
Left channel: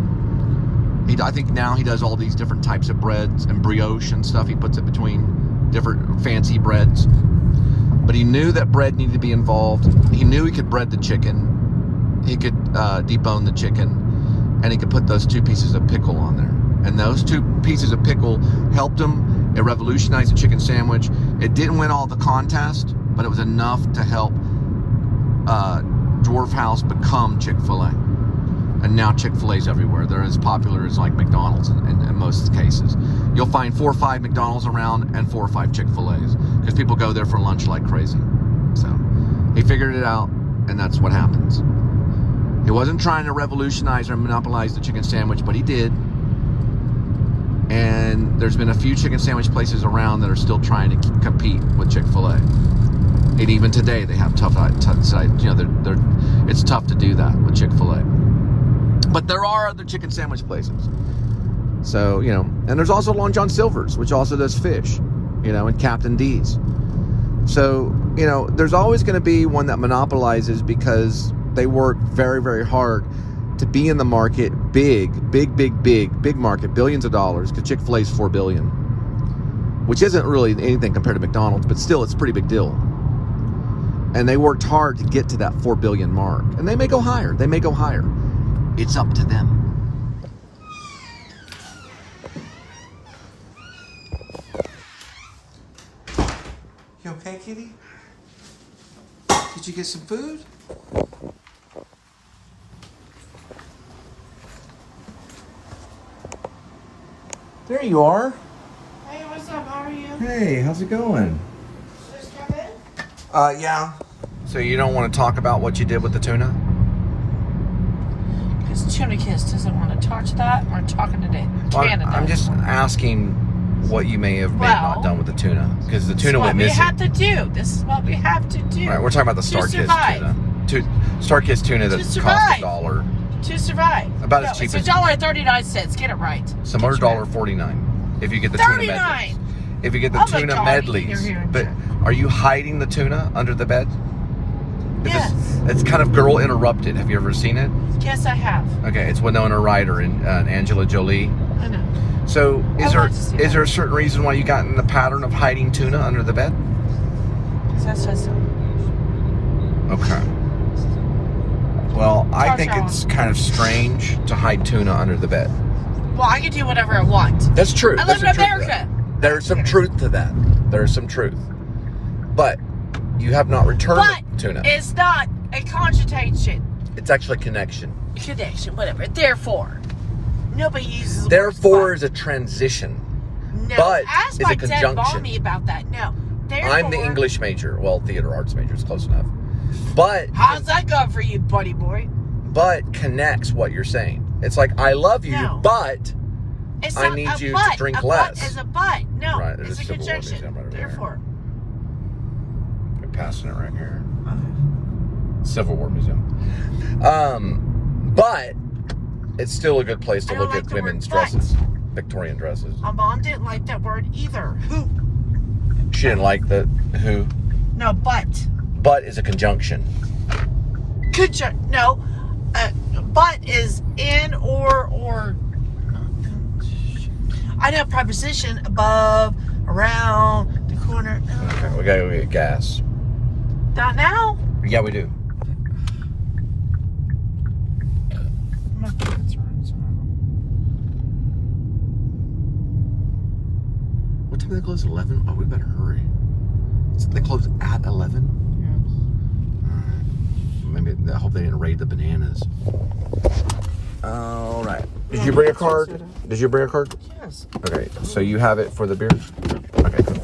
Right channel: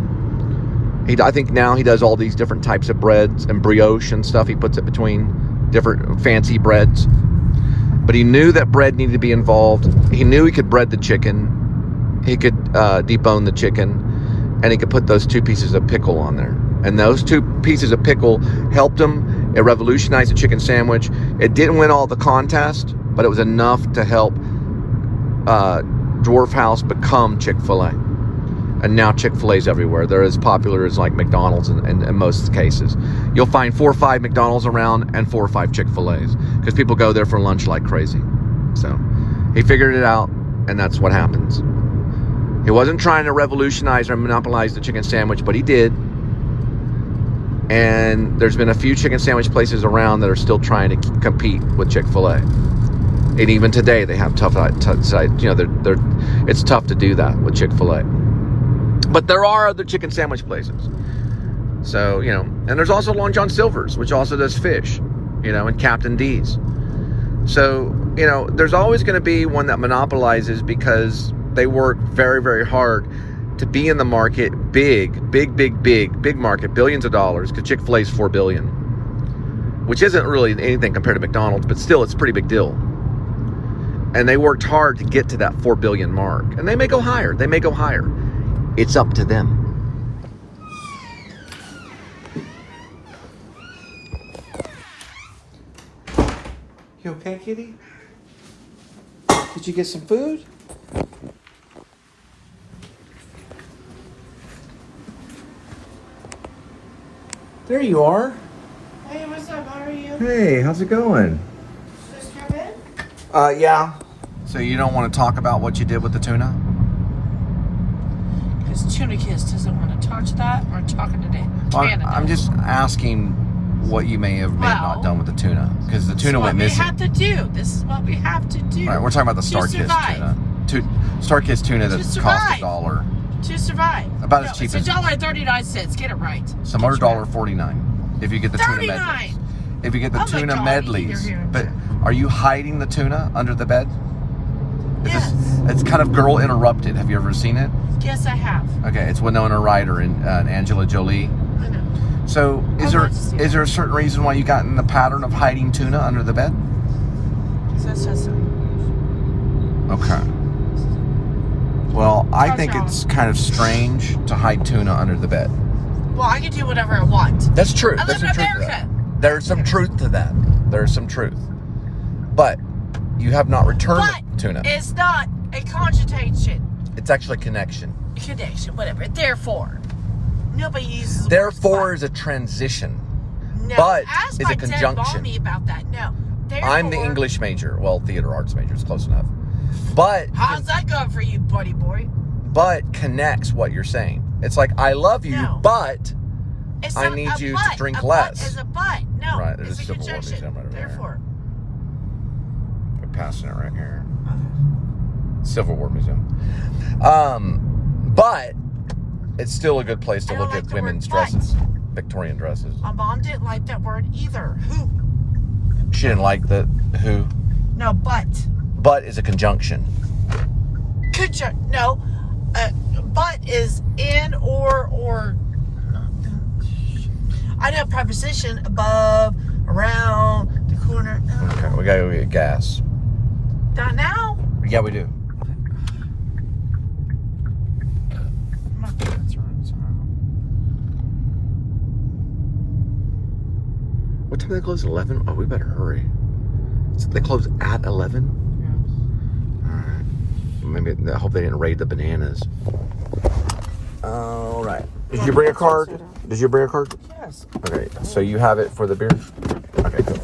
I think now he does all these different types of breads and brioche and stuff. He puts it between different fancy breads. But he knew that bread needed to be involved. He knew he could bread the chicken. He could debone the chicken. And he could put those two pieces of pickle on there. And those two pieces of pickle helped him. It revolutionized the chicken sandwich. It didn't win all the contest, but it was enough to help Dwarf House become Chick-fil-A. And now Chick-fil-A's everywhere. They're as popular as like McDonald's in most cases. You'll find 4 or 5 McDonald's around and 4 or 5 Chick-fil-A's, because people go there for lunch like crazy. So he figured it out, and that's what happens. He wasn't trying to revolutionize or monopolize the chicken sandwich, but he did. And there's been a few chicken sandwich places around that are still trying to compete with Chick-fil-A. And even today, they have tough side. You know, it's tough to do that with Chick-fil-A. But there are other chicken sandwich places. So, you know, and there's also Long John Silver's, which also does fish, you know, and Captain D's. So, you know, there's always going to be one that monopolizes because they work very, very hard to be in the market, big market, billions of dollars, because Chick-fil-A is $4 billion, which isn't really anything compared to McDonald's, but still, it's a pretty big deal. And they worked hard to get to that $4 billion mark. And they may go higher. They may go higher. It's up to them. You okay, kitty? Did you get some food? There you are. Hey, what's up? How are you? Hey, how's it going? Just come in? Yeah. So you don't want to talk about what you did with the tuna? Because Tuna Kiss doesn't want to touch that or talking to Canada. I'm just asking what you may have not done with the tuna, because the tuna went missing. This is what we have to do. Right, we're talking about the SmarteCarte tuna. SmarteCarte tuna that cost $1. To survive. About as cheap it's as $1.39. Get it right. some other $1.49 if you get the tuna medleys. If you get the tuna medleys. But are you hiding the tuna under the bed? Yes. It's kind of Girl Interrupted. Have you ever seen it? Yes, I have. Okay, it's Winona Ryder and Angela Jolie. I know. So is there a certain reason why you got in the pattern of hiding tuna under the bed? That's just Okay. Well, I think it's kind of strange to hide tuna under the bed. Well, I can do whatever I want. That's true. I live in America. There's some truth to that. There's some truth. But you have not returned the tuna. It's not a conjugation. It's actually a connection. Connection, whatever. Therefore. Nobody uses the Therefore word is a transition. No, But ask is my a dad conjunction. me about that. No. Therefore, I'm the English major. Well, theater arts major is close enough. But how's that going for you, buddy boy? But connects what you're saying. It's like, I love you, No. but It's I need you to drink less. It's a but. No, Right, it's a Civil War conjunction. Museum right over there. Therefore. They're passing it right here. Civil War Museum. But it's still a good place to I don't look like at the women's word but. dresses, Victorian dresses. My mom didn't like that word either. Who? She didn't like the who. No, but. But is a conjunction. No. But is in or. I know preposition above, around, the corner. Okay, we gotta go get gas. Not now? Yeah, we do. What time do they close? 11? Oh, we better hurry. So they close at 11? Alright. Maybe, I hope they didn't raid the bananas. Alright. Did you bring a card? Did you bring a card? Yes. Okay, so you have it for the beer? Okay, cool.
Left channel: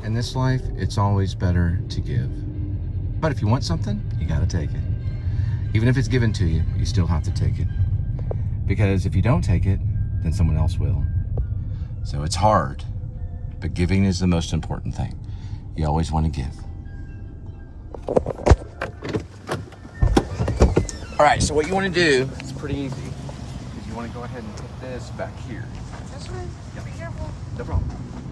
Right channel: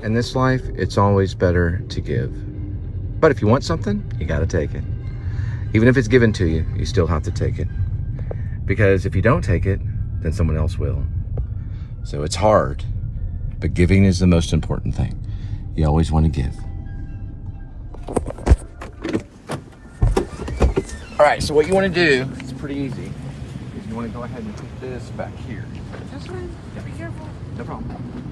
In this life, it's always better to give. But if you want something, you gotta take it. Even if it's given to you, you still have to take it. Because if you don't take it, then someone else will. So it's hard, but giving is the most important thing. You always want to give. All right, so what you want to do, it's pretty easy, is you want to go ahead and put this back here. That's right. You gotta be careful. No problem.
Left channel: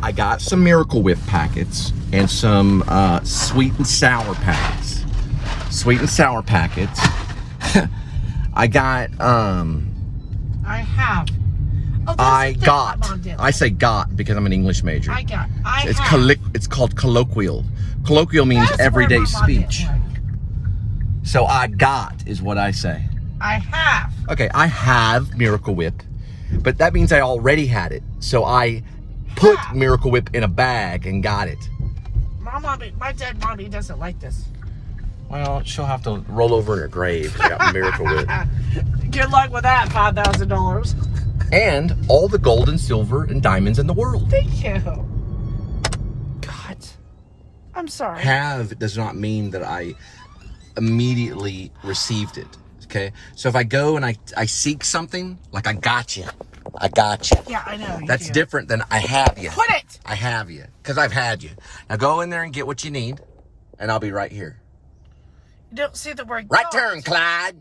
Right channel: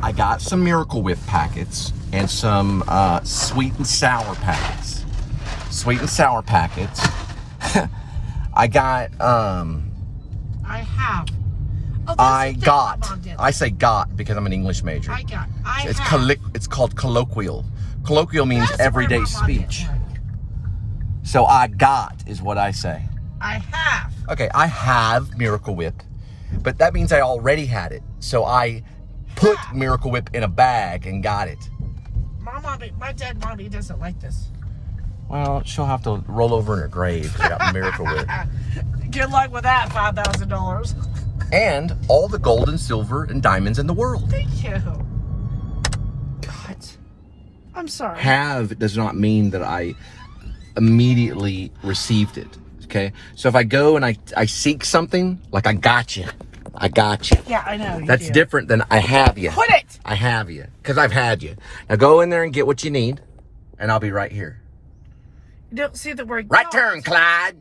I got some Miracle Whip packets and some sweet and sour packets. Sweet and sour packets. I got I have. Oh, I say got because I'm an English major. I It's called colloquial. Colloquial means That's everyday where my mind speech. is like. So I got is what I say. I have. Okay, I have Miracle Whip, but that means I already had it. So I put Miracle Whip in a bag and got it. My dead mommy doesn't like this. Well, she'll have to roll over in her grave to get Miracle Whip. Good luck with that, $5,000. And all the gold and silver and diamonds in the world. Thank you. God. I'm sorry. Have does not mean that I immediately received it. Okay? So if I go and I seek something, like I got you. I got you. Yeah, I know. That's different than I have you. Quit it! I have you. Because I've had you. Now go in there and get what you need, and I'll be right here. You don't see the word Right got. turn, Clyde.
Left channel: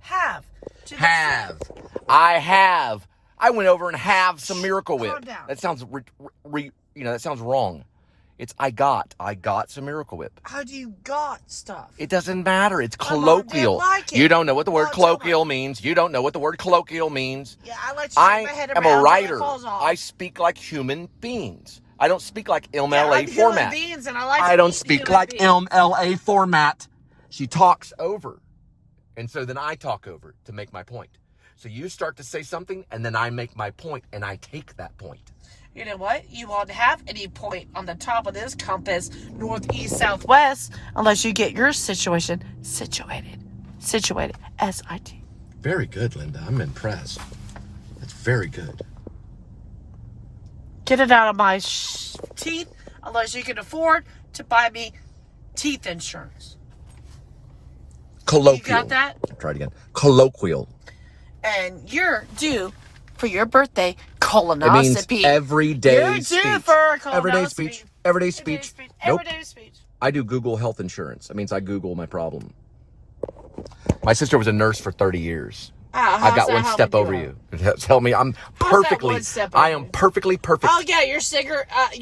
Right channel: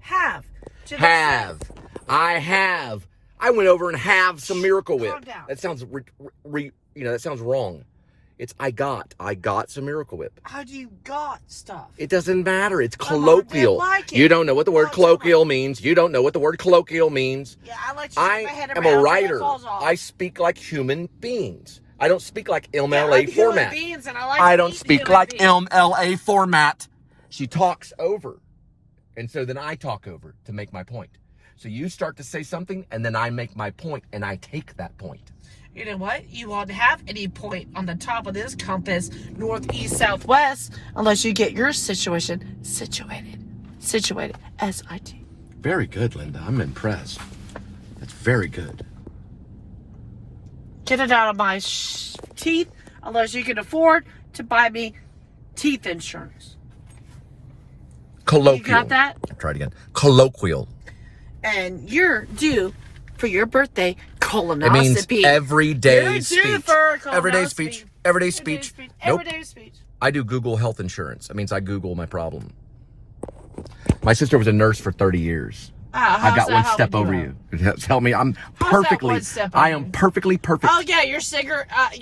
Have. Have. I have. I went over and have some Miracle Whip. Calm down. That sounds, that sounds wrong. It's I got some Miracle Whip. How do you got stuff? It doesn't matter. It's My mom colloquial. didn't like it. You don't know what the word Mom told colloquial means. You don't know what the word colloquial means. Yeah, I like to shake my head am around a till it writer. falls off. I speak like human beings. I don't speak like Yeah, MLA I'm format. human beings and I like I to don't eat speak human like beings. MLA format. She talks over. And so then I talk over to make my point. So you start to say something and then I make my point and I take that point. You know what? You won't have any point on the top of this compass, north, east, south, west, unless you get your situation situated. Situated. S-I-T. Very good, Linda. I'm impressed. That's very good. Get it out of my teeth, unless you can afford to buy me teeth insurance. Colloquial. You got that? I'll try it again. Colloquial. And you're due for your birthday It means colonoscopy. everyday You're speech. due for a colonoscopy. Everyday speech. Everyday speech. Nope. Everyday speech. I do Google health insurance. It means I Google my problem. My sister was a nurse for 30 years. I've got one step over you. Tell me, I'm perfectly. one step I over am you? perfectly perfect. Oh yeah, your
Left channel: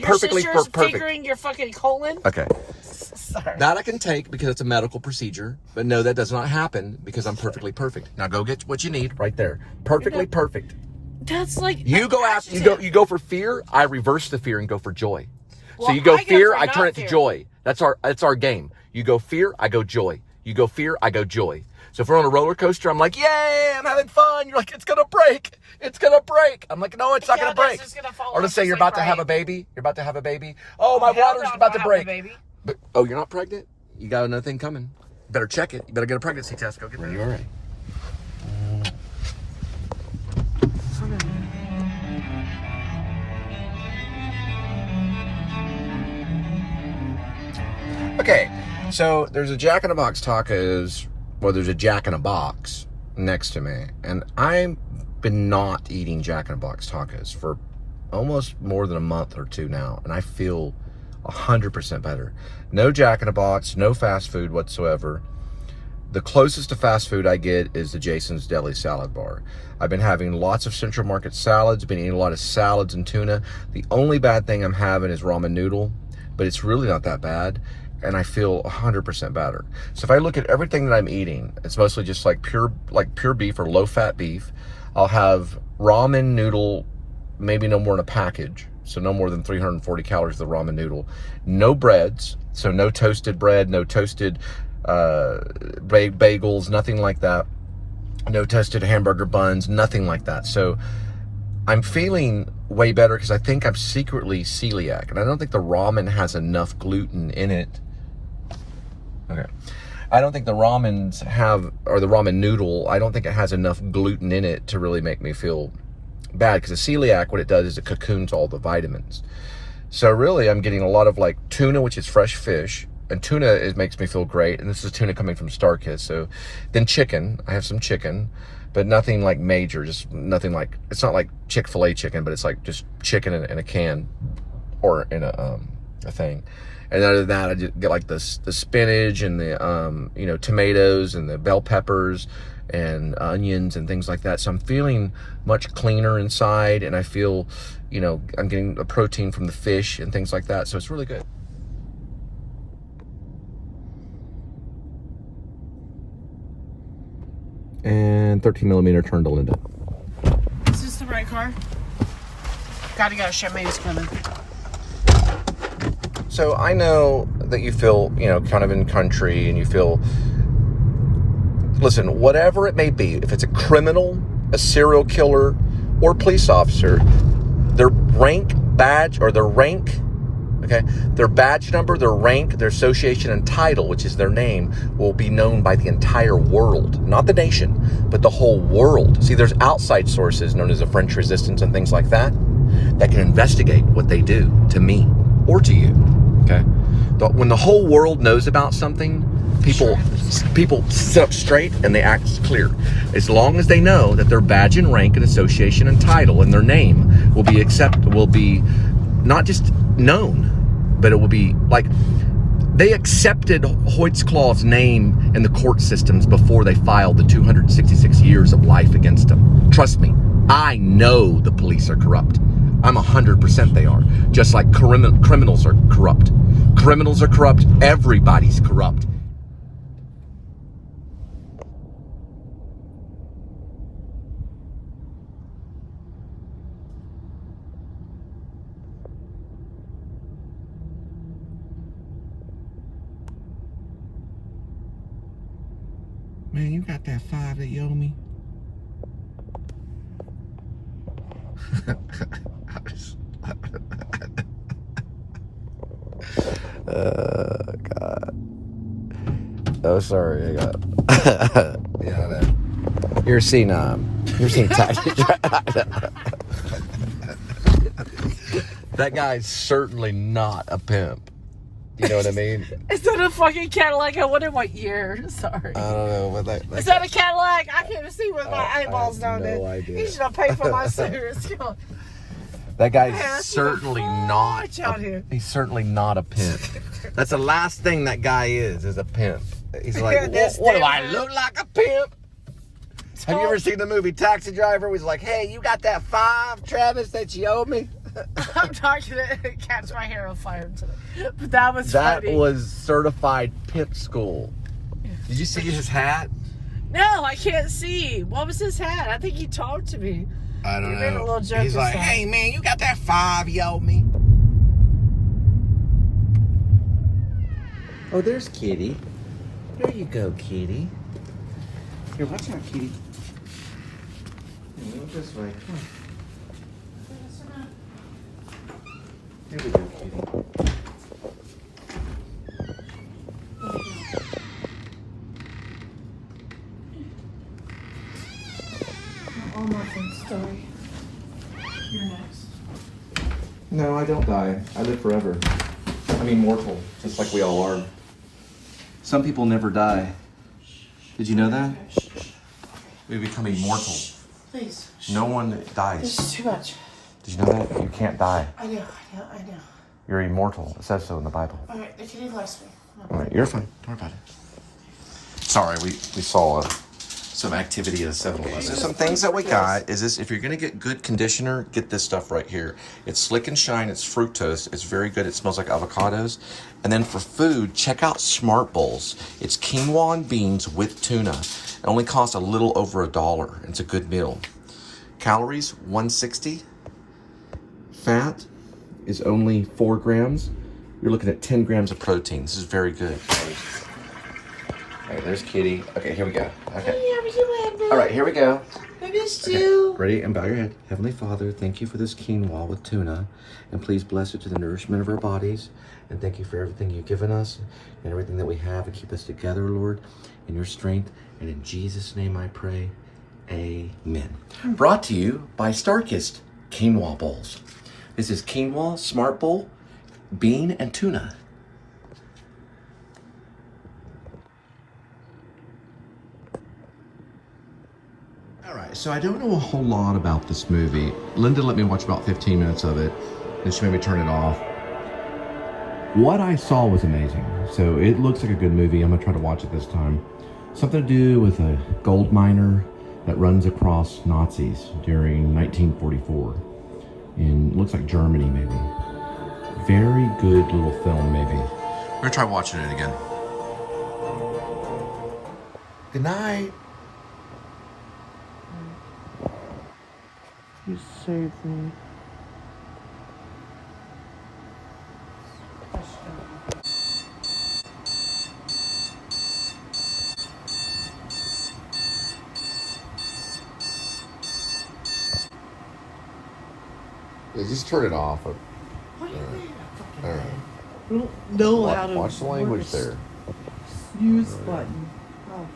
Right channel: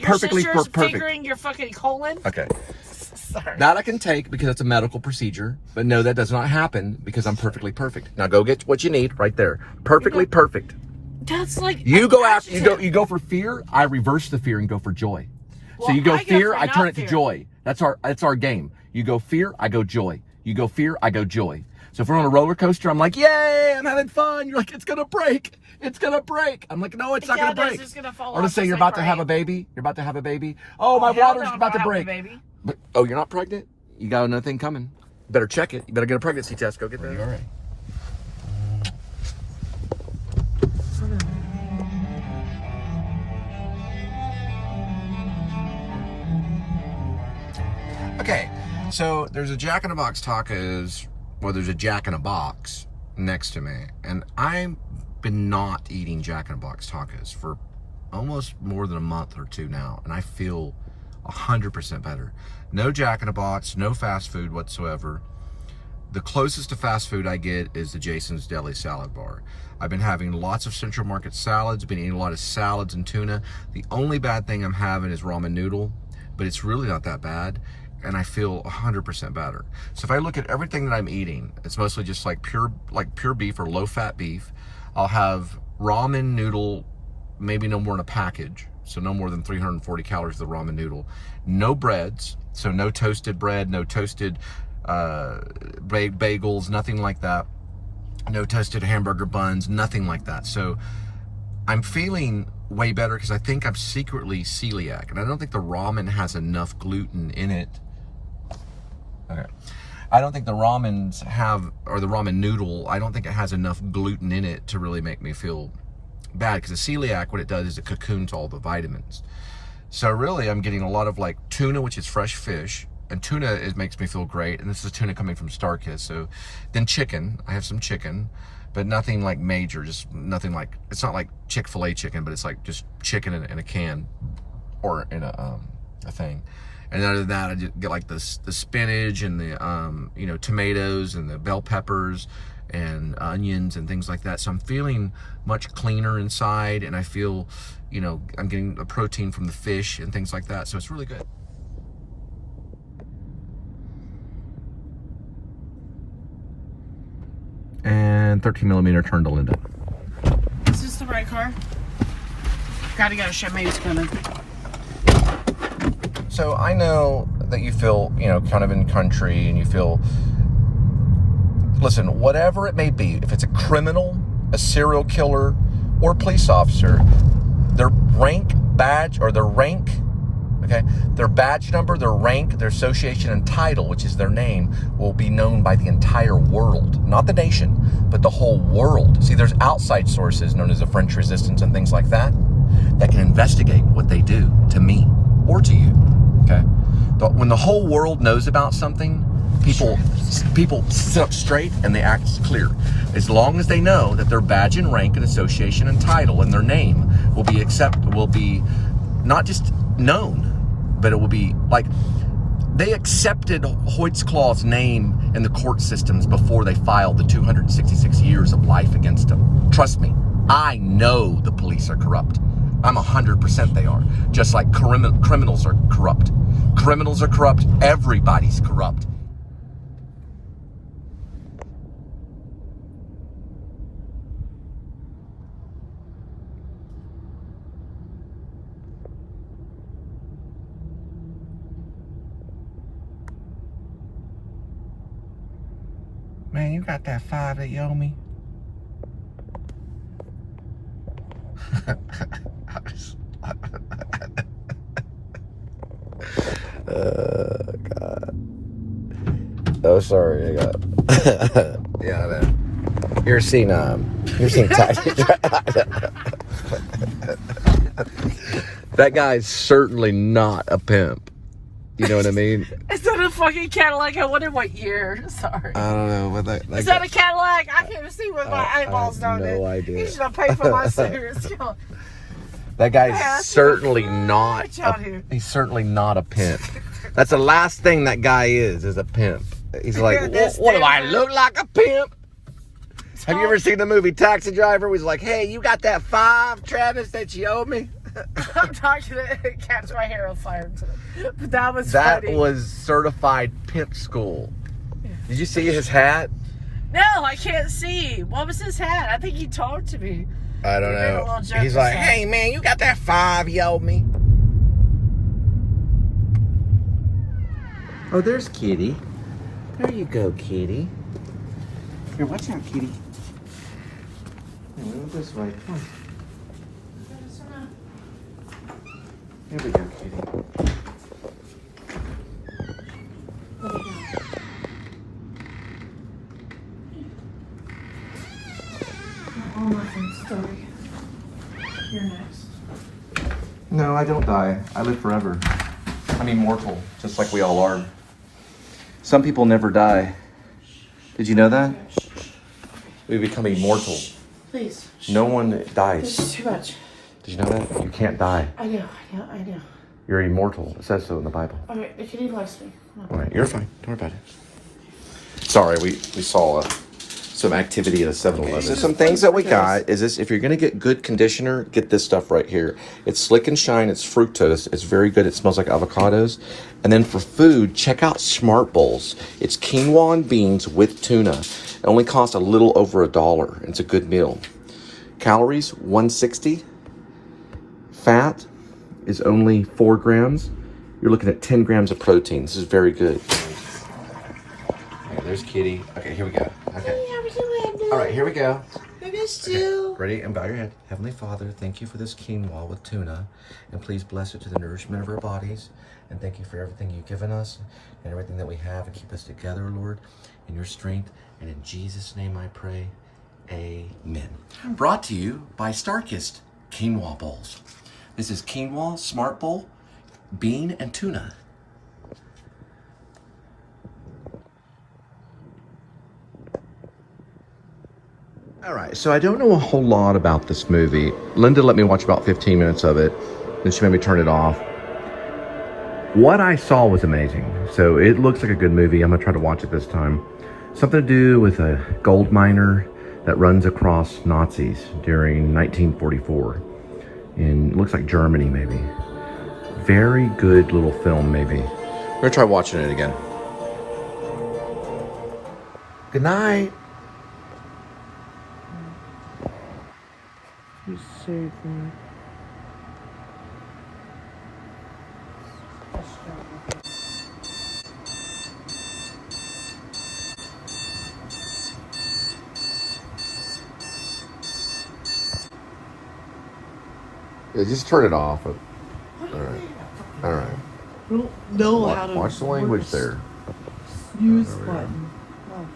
Perfectly sister's perfect. figuring your fucking colon. Okay. Sorry. That I can take because it's a medical procedure, but no, that does not happen because I'm perfectly perfect. Now go get what you need right there. Perfectly perfect. That's like You go after adjective. you go for fear. I reverse the fear and go for joy. So Well, you go I go fear, for I turn not it to fear. joy. That's our game. You go fear, I go joy. You go fear, I go joy. So if we're on a roller coaster, I'm like, yay, I'm having fun. You're like, it's gonna break. It's gonna break. I'm like, no, it's not Yeah, gonna that's break. just gonna fall Or to off say just you're like about to have a crying. baby. You're about to have a baby. Oh, my Hell water's no, about to I don't break. have a baby. But oh, you're not pregnant? You got another thing coming. You better check it. You better get a pregnancy test. Go get that. You're all right. Okay, so there's a Jack in the Box tacos, well, there's a Jack in the Box next to me, and I've been not eating Jack in the Box tacos for almost more than a month or two now, and I feel 100% better. No Jack in the Box, no fast food whatsoever. The closest to fast food I get is the Jason's Deli salad bar. I've been having lots of Central Market salads, been eating a lot of salads and tuna. The only bad thing I'm having is ramen noodle, but it's really not that bad, and I feel 100% better. So if I look at everything that I'm eating, it's mostly just like pure beef or low-fat beef. I'll have ramen noodle, maybe no more in a package, so no more than 340 calories of the ramen noodle. No breads, so no toasted bread, no toasted bagels, nothing like that. No toasted hamburger buns, nothing like that. So I'm feeling way better because I think I'm secretly celiac, and I don't think the ramen has enough gluten in it. Okay. I don't think the ramens have, or the ramen noodle, I don't think it has enough gluten in it to really make me feel bad, because the celiac, what it does is it cocoons all the vitamins. So really, I'm getting a lot of like tuna, which is fresh fish, and tuna makes me feel great, and this is tuna coming from SmarteCarte. So then chicken, I have some chicken, but nothing like major, just nothing like, it's not like Chick-fil-A chicken, but it's like just chicken in a can or in a thing. And other than that, I just get like the spinach and the tomatoes and the bell peppers and onions and things like that. So I'm feeling much cleaner inside, and I feel, I'm getting a protein from the fish and things like that. So it's really good. And 13mm turn to Linda. Is this the right car? Gotta go. Champagne's coming. So I know that you feel, kind of in country and you feel, listen, whatever it may be, if it's a criminal, a serial killer, or a police officer, their rank, badge, or their rank, okay, their badge number, their rank, their association, and title, which is their name, will be known by the entire world. Not the nation, but the whole world. See, there's outside sources known as the French Resistance and things like that can investigate what they do to me or to you, okay? But when the whole world knows about something, people sit up straight and they act clear. As long as they know that their badge and rank and association and title and their name will be not just known, but it will be like they accepted Hoyt-Claw's name in the court systems before they filed the 266 years of life against him. Trust me, I know the police are corrupt. I'm 100% they are. Just like criminals are corrupt. Criminals are corrupt. Everybody's corrupt. Man, you got that 5 that you owe me? God. Oh, sorry. I got. Yeah, man. You're seeing Taxi. That guy's certainly not a pimp. You know what I mean? It's not a fucking Cadillac. I wonder what year. Sorry. I don't know, but Is that a Cadillac? I can't even see with my eyeballs on it. No idea. You should have paid for my cigarettes. That guy's certainly not. He's certainly not a pimp. That's the last thing that guy is a pimp. He's like, what do I look like, a pimp? Have you ever seen the movie Taxi Driver? Where he's like, hey, you got that 5, Travis, that you owe me? I'm talking to catch my hair on fire today. But that was funny. That was certified pimp school. Did you see his hat? No, I can't see. What was his hat? I think he talked to me. I don't know. He's like, hey, man, you got that 5 you owe me? Oh, there's Kitty. There you go, Kitty. Here, watch out, Kitty. Go this way. Come on. There we go, Kitty. You're next. No, I don't die. I live forever. I'm immortal, just like we all are. Some people never die. Did you know that? We become immortal. Please. No one dies. This is too much. Did you know that? You can't die. I know. You're immortal. It says so in the Bible. Alright, the kitty likes me. All right, you're fine. Don't worry about it. Sorry, we saw some activity at a 7-Eleven. So some things that we got is this: if you're gonna get good conditioner, get this stuff right here. It's Slick and Shine. It's fructose. It's very good. It smells like avocados. And then for food, check out Smart Bowls. It's quinoa and beans with tuna. It only costs a little over $1. It's a good meal. Calories 160. Fat is only 4 grams. You're looking at 10 grams of protein. This is very good. Okay, there's Kitty. Okay, here we go. Okay. All right, here we go. I missed you. Ready? And bow your head. Heavenly Father, thank you for this quinoa with tuna. And please bless it to the nourishment of our bodies. And thank you for everything you've given us and everything that we have, and keep us together, Lord, in your strength. And in Jesus' name I pray. Amen. Brought to you by SmarteCarte Quinoa Bowls. This is quinoa, Smart Bowl, bean, and tuna. All right, so I don't know a whole lot about this movie. Linda let me watch about 15 minutes of it, and she made me turn it off. What I saw was amazing, so it looks like a good movie. I'm gonna try to watch it this time. Something to do with a gold miner that runs across Nazis during 1944. In, it looks like Germany, maybe. Very good little film, maybe. We're gonna try watching it again. Good night. You saved me. Yeah, just turn it off. What do you think? All right. I don't know how to Watch the language work a there. snooze button. Oh,